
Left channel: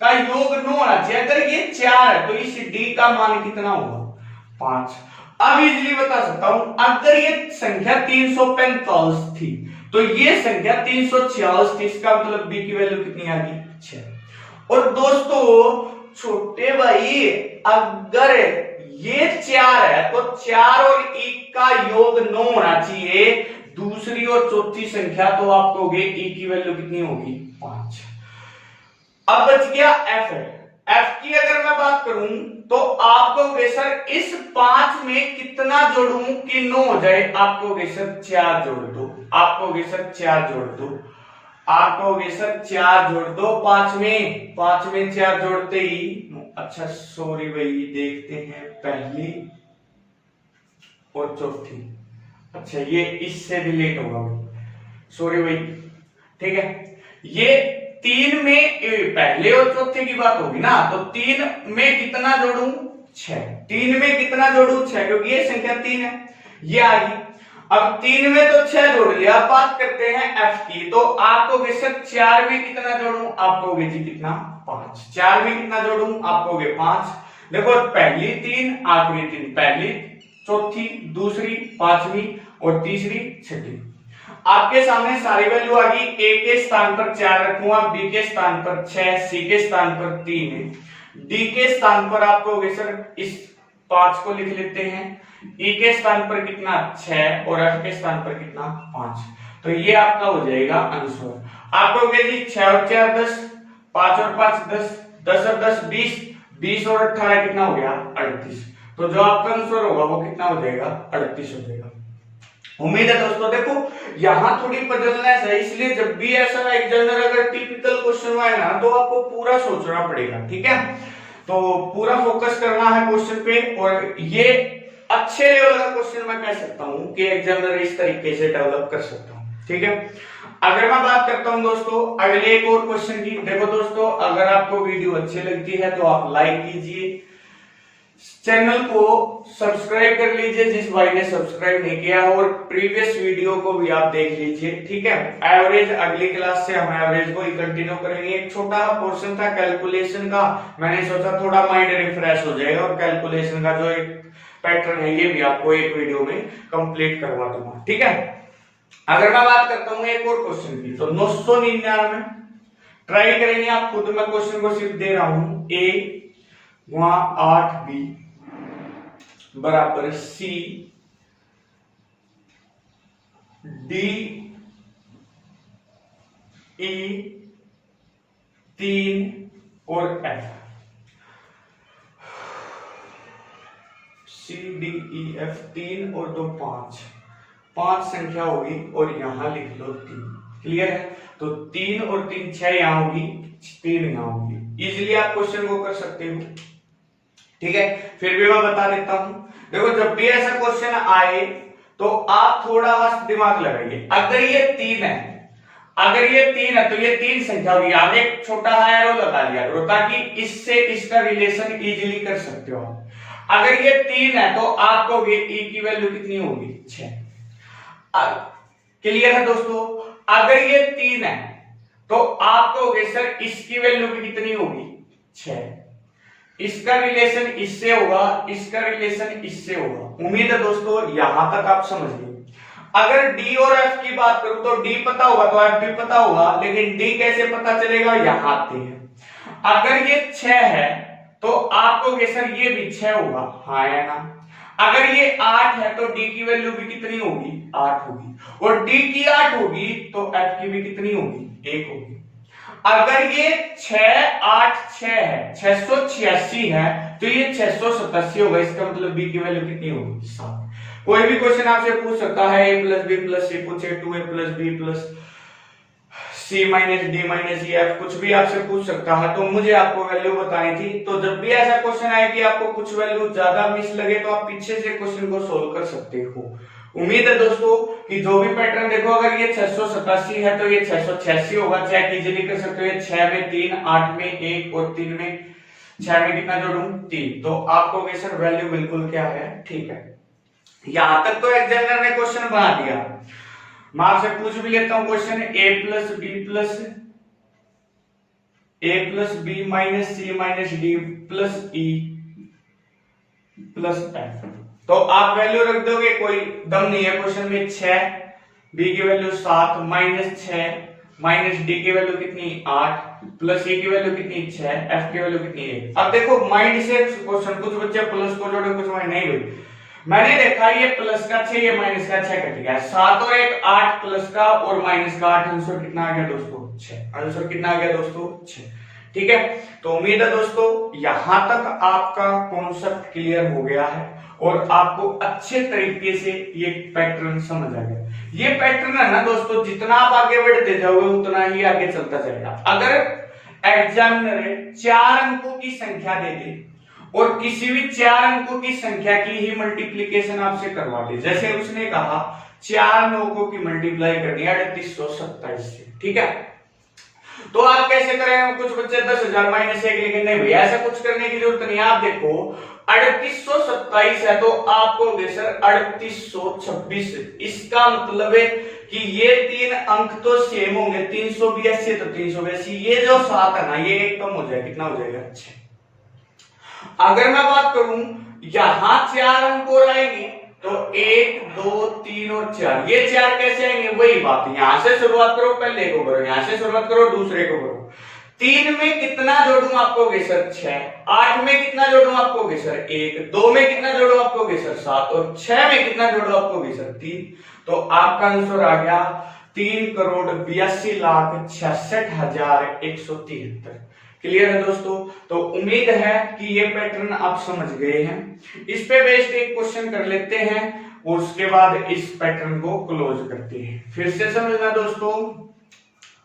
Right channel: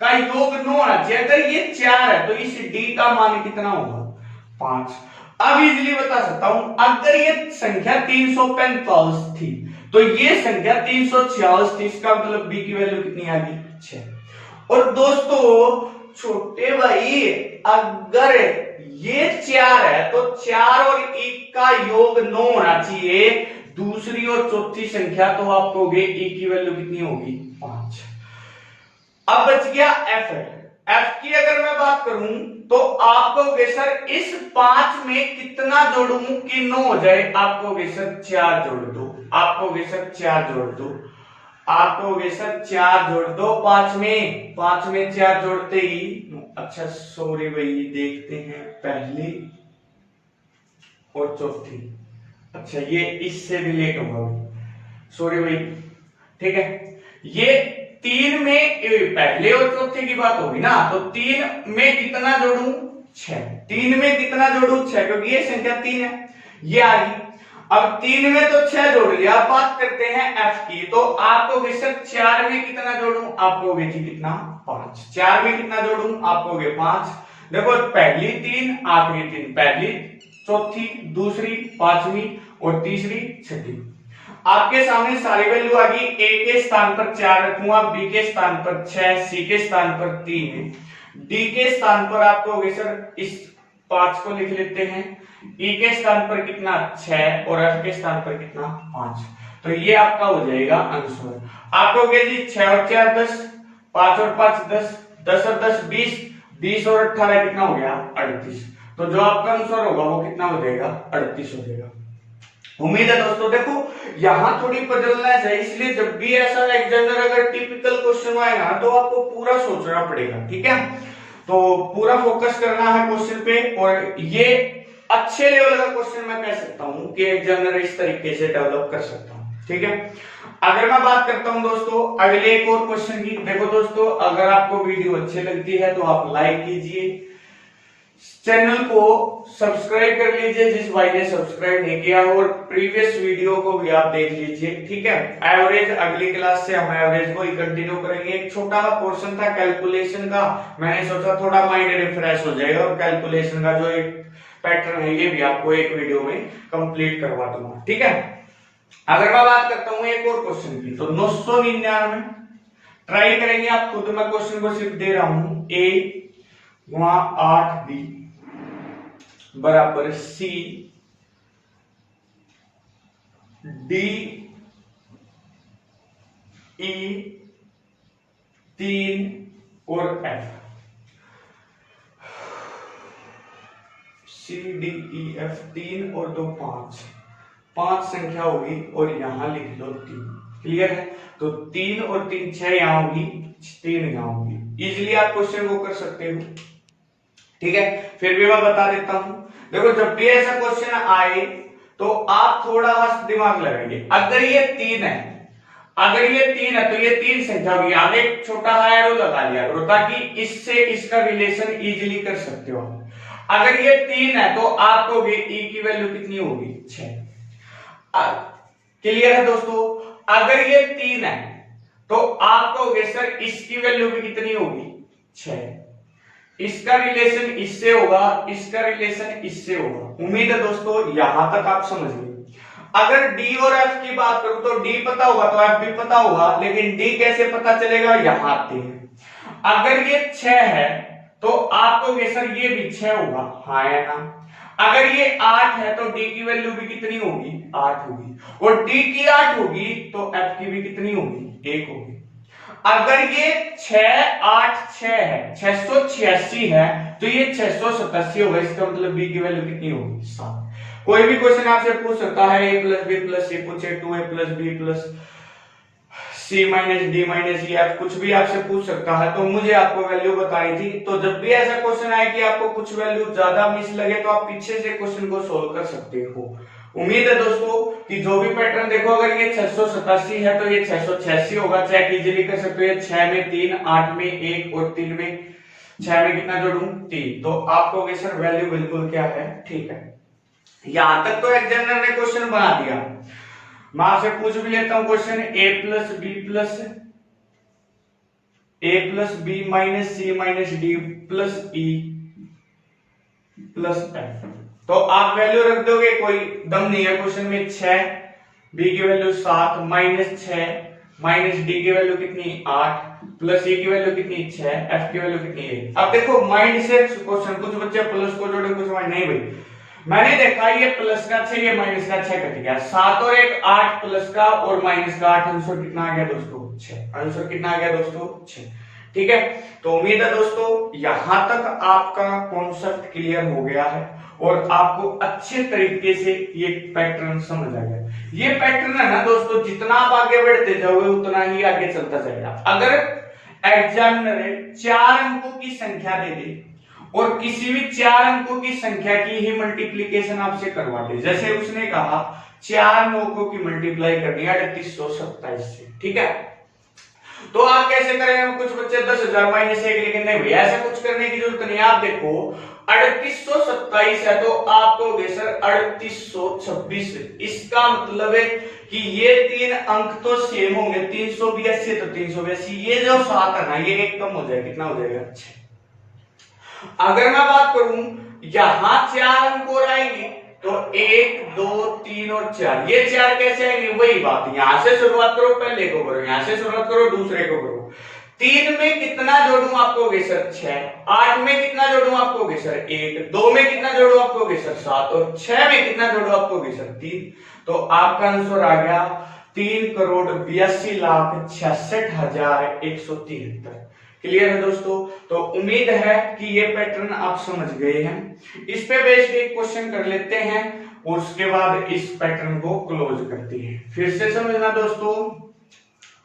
का योग 9 होना चाहिए। अगर ये 4 है तो इस D का मान कितना होगा? 5। अब इजीली बता सकता हूं, अगर ये संख्या 345 थी तो ये संख्या 346 थी, इसका मतलब B की वैल्यू कितनी आ गई? 6। और दोस्तों छोटे भाई, अगर ये 4 है तो 4 और 1 का योग 9 होना चाहिए। दूसरी और चौथी संख्या तो आप कहोगे E की वैल्यू कितनी होगी? 5। अब बच गया F है। F की अगर मैं बात करूं तो आप कहोगे सर इस 5 में कितना जोड़ूं कि 9 हो जाए? आप कहोगे सर 4 जोड़ दो, आप कहोगे सर 4 जोड़ दो, आप कहोगे सर 4 जोड़ दो 5 में 4 जोड़ते ही। अच्छा सॉरी भाई, देखते हैं पहली और चौथी। अच्छा ये इससे रिलेट होगा भाई, सॉरी भाई। ठीक है, ये 3 में पहले और चौथे की बात होगी ना, तो 3 में कितना जोड़ूं? 6। 3 में कितना जोड़ूं? 6, क्योंकि ये संख्या 3 है, ये आ गई। अब 3 में तो 6 जोड़ लिया। अब बात करते हैं F की, तो आप कहोगे सर 4 में कितना जोड़ूं? आप कहोगे जी कितना? 5। 4 में कितना जोड़ूं? आप कहोगे 5। देखो पहली 3 आखिरी 3, पहली चौथी दूसरी पांचवी और तीसरी छठी। आपके सामने सारी वैल्यू आ गई। A के स्थान पर 4 रखूंगा, B के स्थान पर 6, C के स्थान पर 3, D के स्थान पर आप कहोगे सर इस 5 को लिख लेते हैं, E के स्थान पर कितना? 6 और F के स्थान पर कितना? 5। तो ये आपका हो जाएगा आंसर। आप कहोगे जी 6 और 4 10, 5 और 5 10, 10 और 10 20, 20 और 18 कितना हो गया? 38। तो जो आपका आंसर होगा वो कितना हो जाएगा? 38 हो जाएगा। उम्मीद है दोस्तों, देखो यहां थोड़ी बदलनेस है, इसलिए जब भी ऐसा एग्जामिनर अगर टिपिकल क्वेश्चन आए ना तो आपको पूरा सोचना पड़ेगा। ठीक है, तो पूरा फोकस करना है क्वेश्चन पे, और ये अच्छे लेवल का क्वेश्चन मैं कह सकता हूं कि एग्जामिनर इस तरीके से डेवलप कर सकता हूं। ठीक है, अगर मैं बात करता हूं दोस्तों अगले एक और क्वेश्चन की। देखो दोस्तों, अगर आपको वीडियो अच्छी लगती है तो आप लाइक कीजिए, चैनल को सब्सक्राइब कर लीजिए जिस भाई ने सब्सक्राइब नहीं किया, और प्रीवियस वीडियो को भी आप देख लीजिए। ठीक है, एवरेज अगली क्लास से हम एवरेज को ही कंटिन्यू करेंगे। एक छोटा सा पोर्शन था कैलकुलेशन का, मैंने सोचा थोड़ा माइंड रिफ्रेश हो जाएगा, और कैलकुलेशन का जो एक पैटर्न है ये भी आपको एक वीडियो में कंप्लीट करवा दूंगा। ठीक है, अगर मैं बात करता हूं एक और क्वेश्चन की, तो 999 ट्राई करेंगे आप खुद। मैं क्वेश्चन को सिर्फ दे रहा हूं, A वहां 8B बराबर C D E 3 और F। C D E F 3 और 2 5 संख्या होगी, और यहां लिख लो 3। क्लियर है? तो 3 और 3 6 यहां होगी, 3 यहां होगी। इजिली आप क्वेश्चन को कर सकते हो। ठीक है, फिर भी मैं बता देता हूं। देखो जब भी ऐसा क्वेश्चन आए तो आप थोड़ा सा दिमाग लगाइए। अगर ये 3 है, अगर ये 3 है तो ये 3 संख्या होगी, आगे एक छोटा एरो लगा लिया करो ताकि इससे इसका रिलेशन इजीली कर सकते हो आप। अगर ये 3 है तो आप कहोगे E की वैल्यू कितनी होगी? 6। क्लियर है दोस्तों? अगर ये 3 है तो आप कहोगे सर इसकी वैल्यू भी कितनी होगी? 6। इसका रिलेशन इससे होगा, इसका रिलेशन इससे होगा। उम्मीद है दोस्तों यहां तक आप समझ गए। अगर D और F की बात करूं तो D पता होगा तो F भी पता होगा, लेकिन D कैसे पता चलेगा? यहां आते हैं। अगर ये 6 है तो आप कहोगे सर ये भी 6 होगा, हाँ या ना? अगर ये 8 है तो D की वैल्यू भी कितनी होगी? 8 होगी, और D की 8 होगी तो F की भी कितनी होगी? 1 होगी। अगर ये 6 8 6 है, 686 है, तो ये 687 होगा, इसका मतलब बी की वैल्यू कितनी होगी 7। कोई भी क्वेश्चन आपसे पूछ सकता है a plus B plus c पूछे 2a plus B plus c minus d minus e f, कुछ भी आपसे पूछ सकता है, तो मुझे आपको वैल्यू बताई थी। तो जब भी ऐसा क्वेश्चन आए कि आपको कुछ वैल्यू ज्यादा मिस लगे तो आप पीछे से क्वेश्चन को सोल्व कर सकते हो। उम्मीद है दोस्तों कि जो भी पैटर्न देखो, अगर ये 687 है तो ये 686 होगा। चेक इजीली कर सकते हो, 6 में 3, 8 में 1 और 3 में 6 में कितना जोड़ूं 3, तो आपको सर वैल्यू बिल्कुल क्या है ठीक है। यहां तक तो एग्जामिनर ने क्वेश्चन बना दिया। मैं आपसे पूछ भी लेता हूं question, a plus B minus C minus D plus E plus F, तो आप वैल्यू रख दोगे, कोई दम नहीं है क्वेश्चन में। 6, बी की वैल्यू 7 माइनस 6 माइनस डी की वैल्यू कितनी 8 प्लस ई की वैल्यू कितनी 6, एफ की वैल्यू कितनी 1। अब देखो माइंड से क्वेश्चन, कुछ बच्चे प्लस को जोड़े कुछ माइंड नहीं भाई, मैंने देखा ये प्लस का 6 ये माइनस का 6 कट गया, 7 और 1 8 प्लस का और माइनस का 8, आंसर कितना आ गया दोस्तों 6। आंसर कितना आ गया दोस्तों 6। ठीक है, तो उम्मीद है दोस्तों यहां तक आपका कॉन्सेप्ट क्लियर हो गया है और आपको अच्छे तरीके से ये पैटर्न समझ आ गया। ये पैटर्न है ना दोस्तों, जितना आप आगे बढ़ते जाओगे उतना ही आगे चलता जाएगा। अगर एग्जामिनर 4 अंकों की संख्या दे दे और किसी भी 4 अंकों की संख्या की ही मल्टीप्लीकेशन आपसे करवा दे, जैसे उसने कहा 4 अंकों की मल्टीप्लाई करनी है 3827 से, ठीक है, तो आप कैसे करेंगे? कुछ बच्चे 10,000 माइनस 1 लिखेंगे, नहीं भैया ऐसा कुछ करने की जरूरत नहीं। आप देखो 3827 है तो आपको सर 3826, इसका मतलब है कि ये 3 अंक तो सेम होंगे, 382 तो 382, ये जो 7 है ना ये एक कम हो जाएगा, कितना हो जाएगा 6। अगर मैं बात करूं यहां 4 अंक और आएंगे तो 1 2 3 और 4, ये 4 कैसे आएंगे? वही बात, यहां से शुरुआत करो, पहले को करो, यहां से शुरुआत करो, दूसरे को करो। 3 में कितना जोड़ूं आपको सर 6, 8 में कितना जोड़ूं आपको सर 1, 2 में कितना जोड़ूं आपको सर 7 और 6 में कितना जोड़ूं आपको सर 3, तो आपका आंसर आ गया 3,82,66,173। क्लियर है दोस्तों? तो उम्मीद है कि ये पैटर्न आप समझ गए हैं। इस पे बेस्ड एक क्वेश्चन कर लेते हैं और उसके बाद इस पैटर्न को क्लोज करते हैं। फिर से समझना दोस्तों,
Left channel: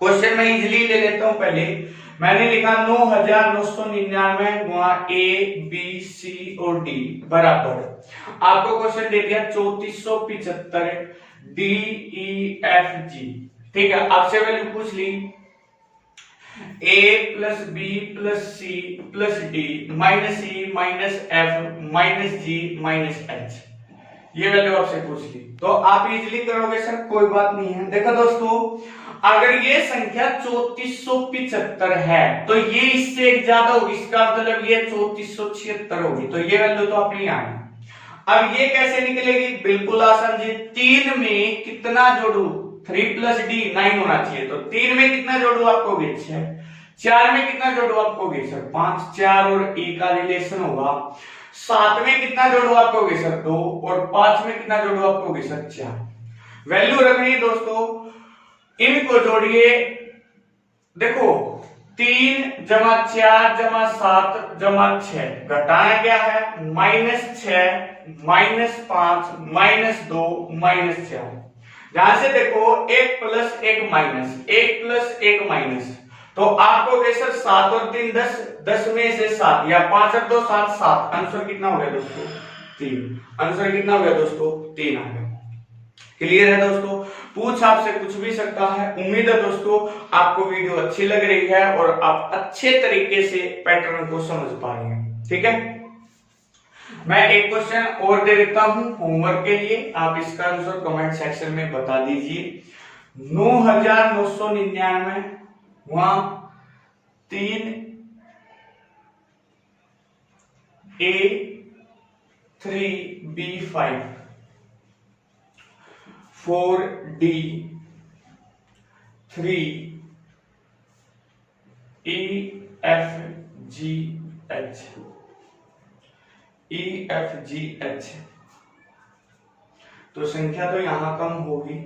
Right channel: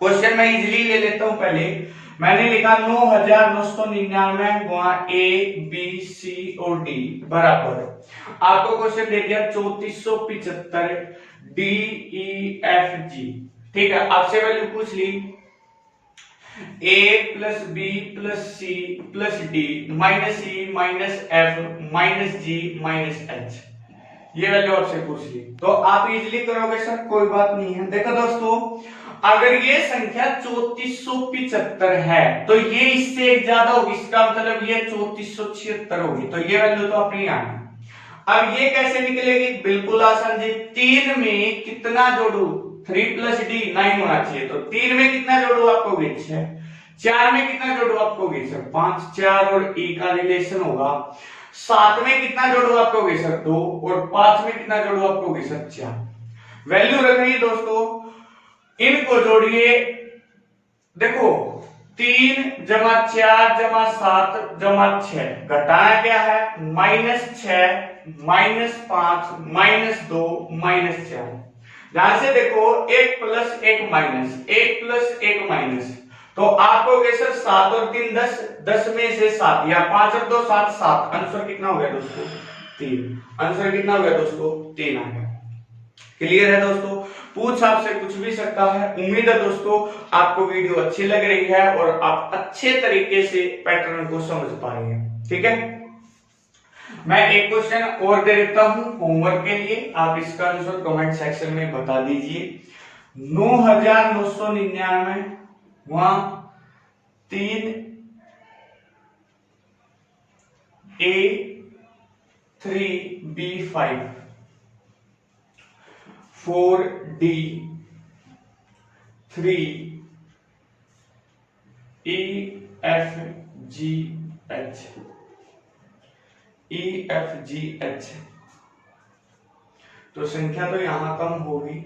क्वेश्चन मैं इजीली ले लेता हूं। पहले मैंने लिखा 9,999 गुणा ए बी सी और डी बराबर, आपको क्वेश्चन दे दिया 3475 डी ई एफ जी, ठीक है, आपसे वैल्यू पूछ ली a plus B plus C plus D minus E minus F minus G minus H, ये वैल्यू आपसे पूछ ली, तो आप इजीली करोगे सर, कोई बात नहीं है। देखो दोस्तों, अगर ये संख्या 3475 है तो ये इससे एक ज्यादा होगी, इसका मतलब ये 3476 होगी, तो ये वैल्यू तो अपनी आनी। अब ये कैसे निकलेगी? बिल्कुल आसान जी, 3 में कितना जोड़ू, 3 प्लस डी 9 होना चाहिए, तो 3 में कितना जोड़ू आपको 6, 4 में कितना जोड़ू आपको सर 5, 4 और e का रिलेशन होगा, 7 में कितना जोड़ू आपको सर 2 और 5 में कितना जोड़ू आपको सर 4। वैल्यू रखनी है दोस्तों, इनको जोड़िए, देखो 3 जमा 4 जमा 7 जमा 6, घटाना क्या है -6 -5 -2 -4, ध्यान से देखो 1 प्लस 1 माइनस 1 प्लस 1 माइनस, तो आपको सर 7 और 3 10, 10 में से 7 या 5 और 2 7, 7, आंसर कितना हो गया दोस्तों 3। आंसर कितना हो गया दोस्तों 3 आ गया। क्लियर है दोस्तों? पूछ आपसे कुछ भी सकता है। उम्मीद है दोस्तों आपको वीडियो अच्छी लग रही है और आप अच्छे तरीके से पैटर्न को समझ पा रहे हैं, ठीक है। मैं एक क्वेश्चन और दे देता हूं होमवर्क के लिए, आप इसका आंसर कमेंट सेक्शन में बता दीजिए। 9,999 वहां 3 A 3 B 5 4 D 3 E F G H E F G H, तो संख्या तो यहां कम होगी,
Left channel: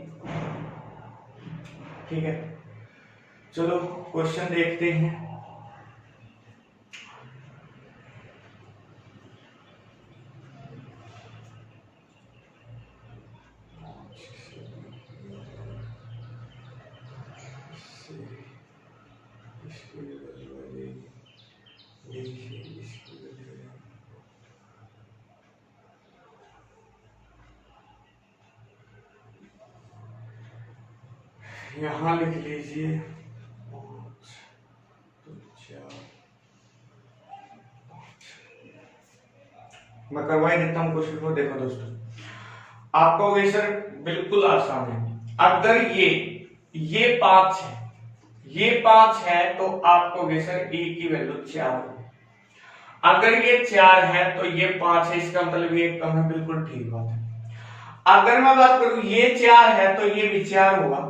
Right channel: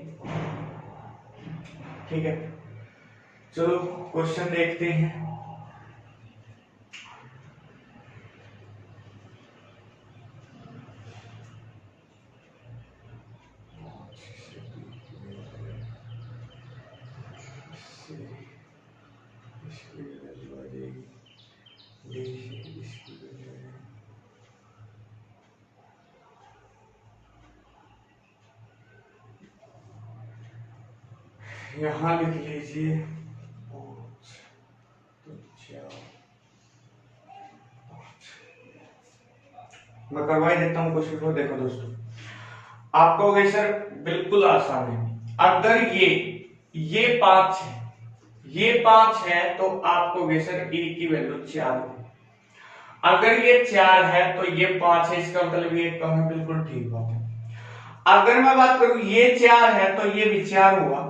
ठीक है। चलो क्वेश्चन देखते हैं। से इसकी वैल्यू आ जाएगी, डी से इसकी वैल्यू आ जाएगी, यहाँ लिख लीजिए 5 तो 4 5। मैं करवाई देता हूँ कोशिश को। देखो दोस्तों, आपको कहोगे सर बिल्कुल आसान है। अगर ये 5 है, ये 5 है तो आपको कहोगे सर ए की वैल्यू 4 है। अगर ये 4 है तो ये 5 है, इसका मतलब ये कम है, बिल्कुल ठीक बात है। अगर मैं बात करूं ये 4 है तो ये भी 4 होगा,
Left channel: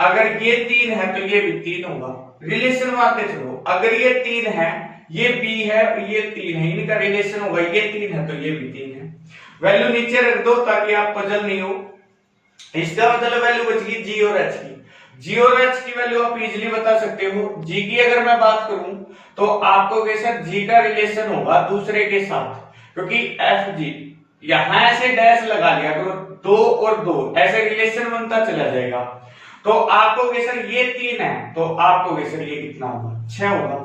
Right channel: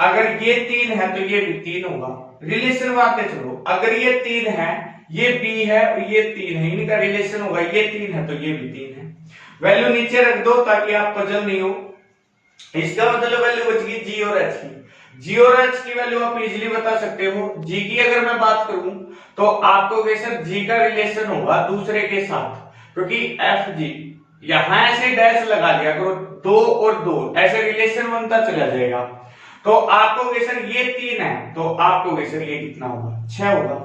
अगर ये 3 है तो ये भी 3 होगा। रिलेशन बातें चलो, अगर ये 3 है, ये बी है और ये 3 है, इनका रिलेशन होगा, ये 3 है तो ये भी 3 है। वैल्यू नीचे रख दो ताकि आप पजल नहीं हो। इसका मतलब वैल्यू बच गई जी और एच की। जी और एच की वैल्यू आप इजीली बता सकते हो। जी की अगर मैं बात करूं तो आपको सर जी का रिलेशन होगा दूसरे के साथ, क्योंकि एफ जी यहां ऐसे डैश लगा लिया करो, 2 और 2 ऐसे रिलेशन बनता चला जाएगा। तो आपको सर ये 3 है तो आपको सर ये कितना होगा, 6 होगा।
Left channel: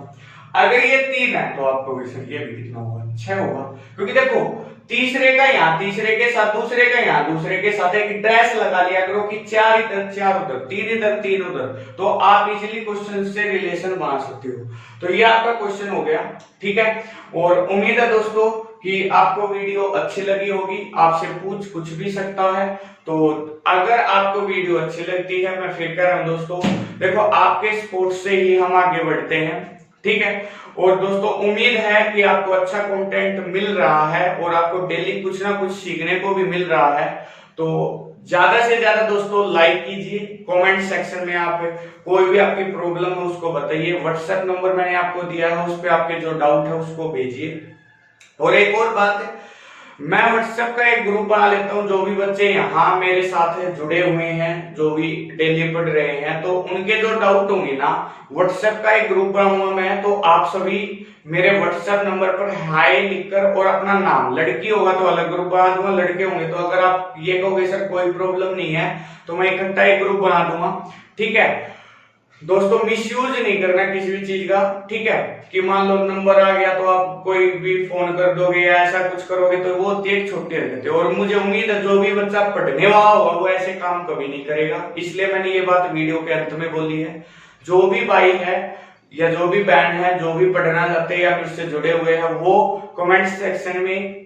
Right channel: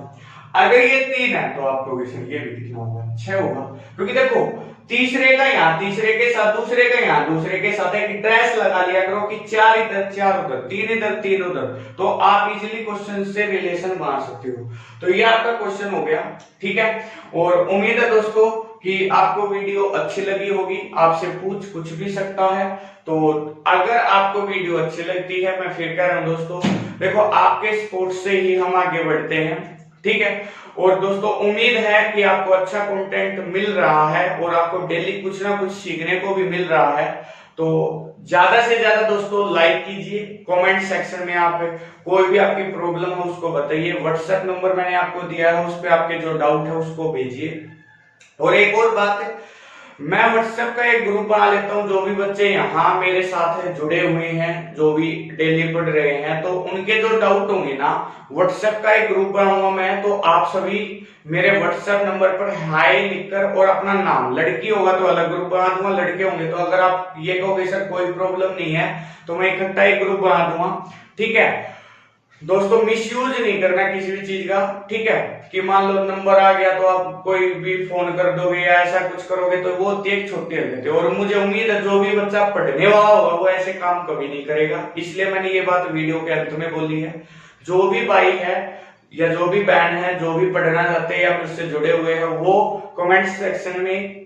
अगर ये 3 है तो आपको सर ये भी कितना होगा, 6 होगा। क्योंकि देखो तीसरे का यहाँ तीसरे के साथ, दूसरे का यहाँ दूसरे के साथ एक डैश लगा लिया करो कि 4 इधर 4 उधर, 3 इधर 3 उधर, तो आप इजीली क्वेश्चन से रिलेशन बना सकते हो। तो ये आपका क्वेश्चन हो गया, ठीक है। और उम्मीद है दोस्तों कि आपको वीडियो अच्छी लगी होगी, आपसे पूछ भी सकता है। तो अगर आपको वीडियो अच्छी लगती है, मैं फिर कह रहा हूं दोस्तों, देखो आपके सपोर्ट से ही हम आगे बढ़ते हैं, ठीक है। और दोस्तों उम्मीद है कि आपको अच्छा कंटेंट मिल रहा है और आपको डेली कुछ ना कुछ सीखने को भी मिल रहा है। तो ज्यादा से ज्यादा दोस्तों लाइक कीजिए, कमेंट सेक्शन में आप कोई भी आपकी प्रॉब्लम है उसको बताइए। व्हाट्सएप नंबर मैंने आपको दिया है, उस पर आपके जो डाउट है उसको भेजिए। और एक और बात है, मैं व्हाट्सएप का एक ग्रुप बना लेता हूं, जो भी बच्चे यहाँ मेरे साथ जुड़े हुए हैं, जो भी डेली पढ़ रहे हैं, तो उनके जो डाउट होंगे ना, व्हाट्सएप का एक ग्रुप बनाऊंगा मैं। तो आप सभी मेरे व्हाट्सएप नंबर पर हाय लिखकर और अपना नाम, लड़की होगा तो अलग ग्रुप बना दूंगा, लड़के होंगे तो अगर आप ये कहोगे सर कोई प्रॉब्लम नहीं है तो मैं इकट्ठा एक ग्रुप बना दूंगा, ठीक है। दोस्तों मिसयूज नहीं करना किसी भी चीज का, ठीक है, कि मान लो नंबर आ गया तो आप कोई भी फोन कर दोगे या ऐसा कुछ करोगे तो वो होती है एक छोटी हरकत है। और मुझे उम्मीद है जो भी बच्चा पढ़ने वाला होगा वो ऐसे काम कभी नहीं करेगा, इसलिए मैंने ये बात वीडियो के अंत में बोली है। जो भी भाई है या जो भी बहन है, जो भी पढ़ना चाहते हैं या फिर से जुड़े हुए हैं, वो कमेंट सेक्शन में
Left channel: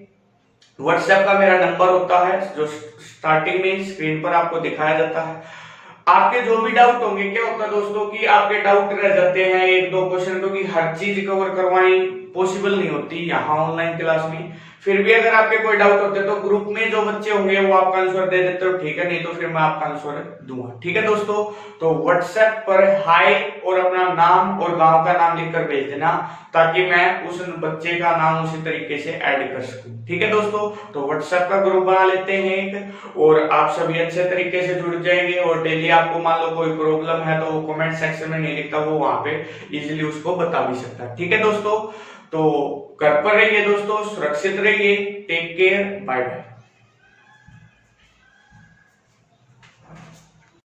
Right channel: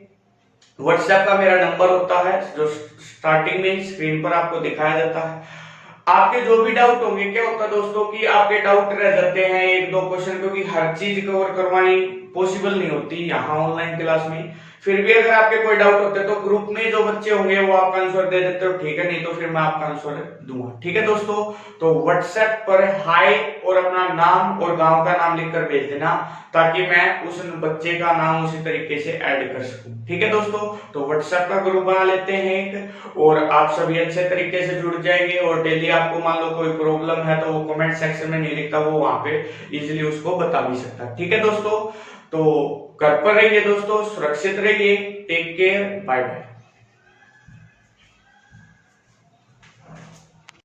व्हाट्सएप का मेरा नंबर होता है जो स्टार्टिंग में स्क्रीन पर आपको दिखाया जाता है। आपके जो भी डाउट होंगे, क्या होता है दोस्तों कि आपके डाउट रह जाते हैं 1-2 क्वेश्चन, क्योंकि हर चीज कवर करवानी पॉसिबल नहीं होती यहाँ ऑनलाइन क्लास में। फिर भी अगर आपके कोई डाउट होते हैं तो ग्रुप में जो बच्चे होंगे वो आपका आंसर दे देते हो, ठीक है, नहीं तो फिर मैं आपका आंसर दूंगा, ठीक है दोस्तों। तो व्हाट्सएप पर हाय और अपना नाम और गांव का नाम लिखकर भेज देना, ताकि मैं उस बच्चे का नाम उसी तरीके से ऐड कर सकूं, ठीक है दोस्तों। तो व्हाट्सएप का ग्रुप बना लेते हैं एक, और आप सभी अच्छे तरीके से जुड़ जाएंगे। और डेली आपको मान लो कोई प्रॉब्लम है तो वो कमेंट सेक्शन में नहीं लिखता, वो वहां पे इजीली उसको बता भी सकता है, ठीक है दोस्तों। तो घर पर रहिए दोस्तों, सुरक्षित रहिए, टेक केयर, बाय बाय।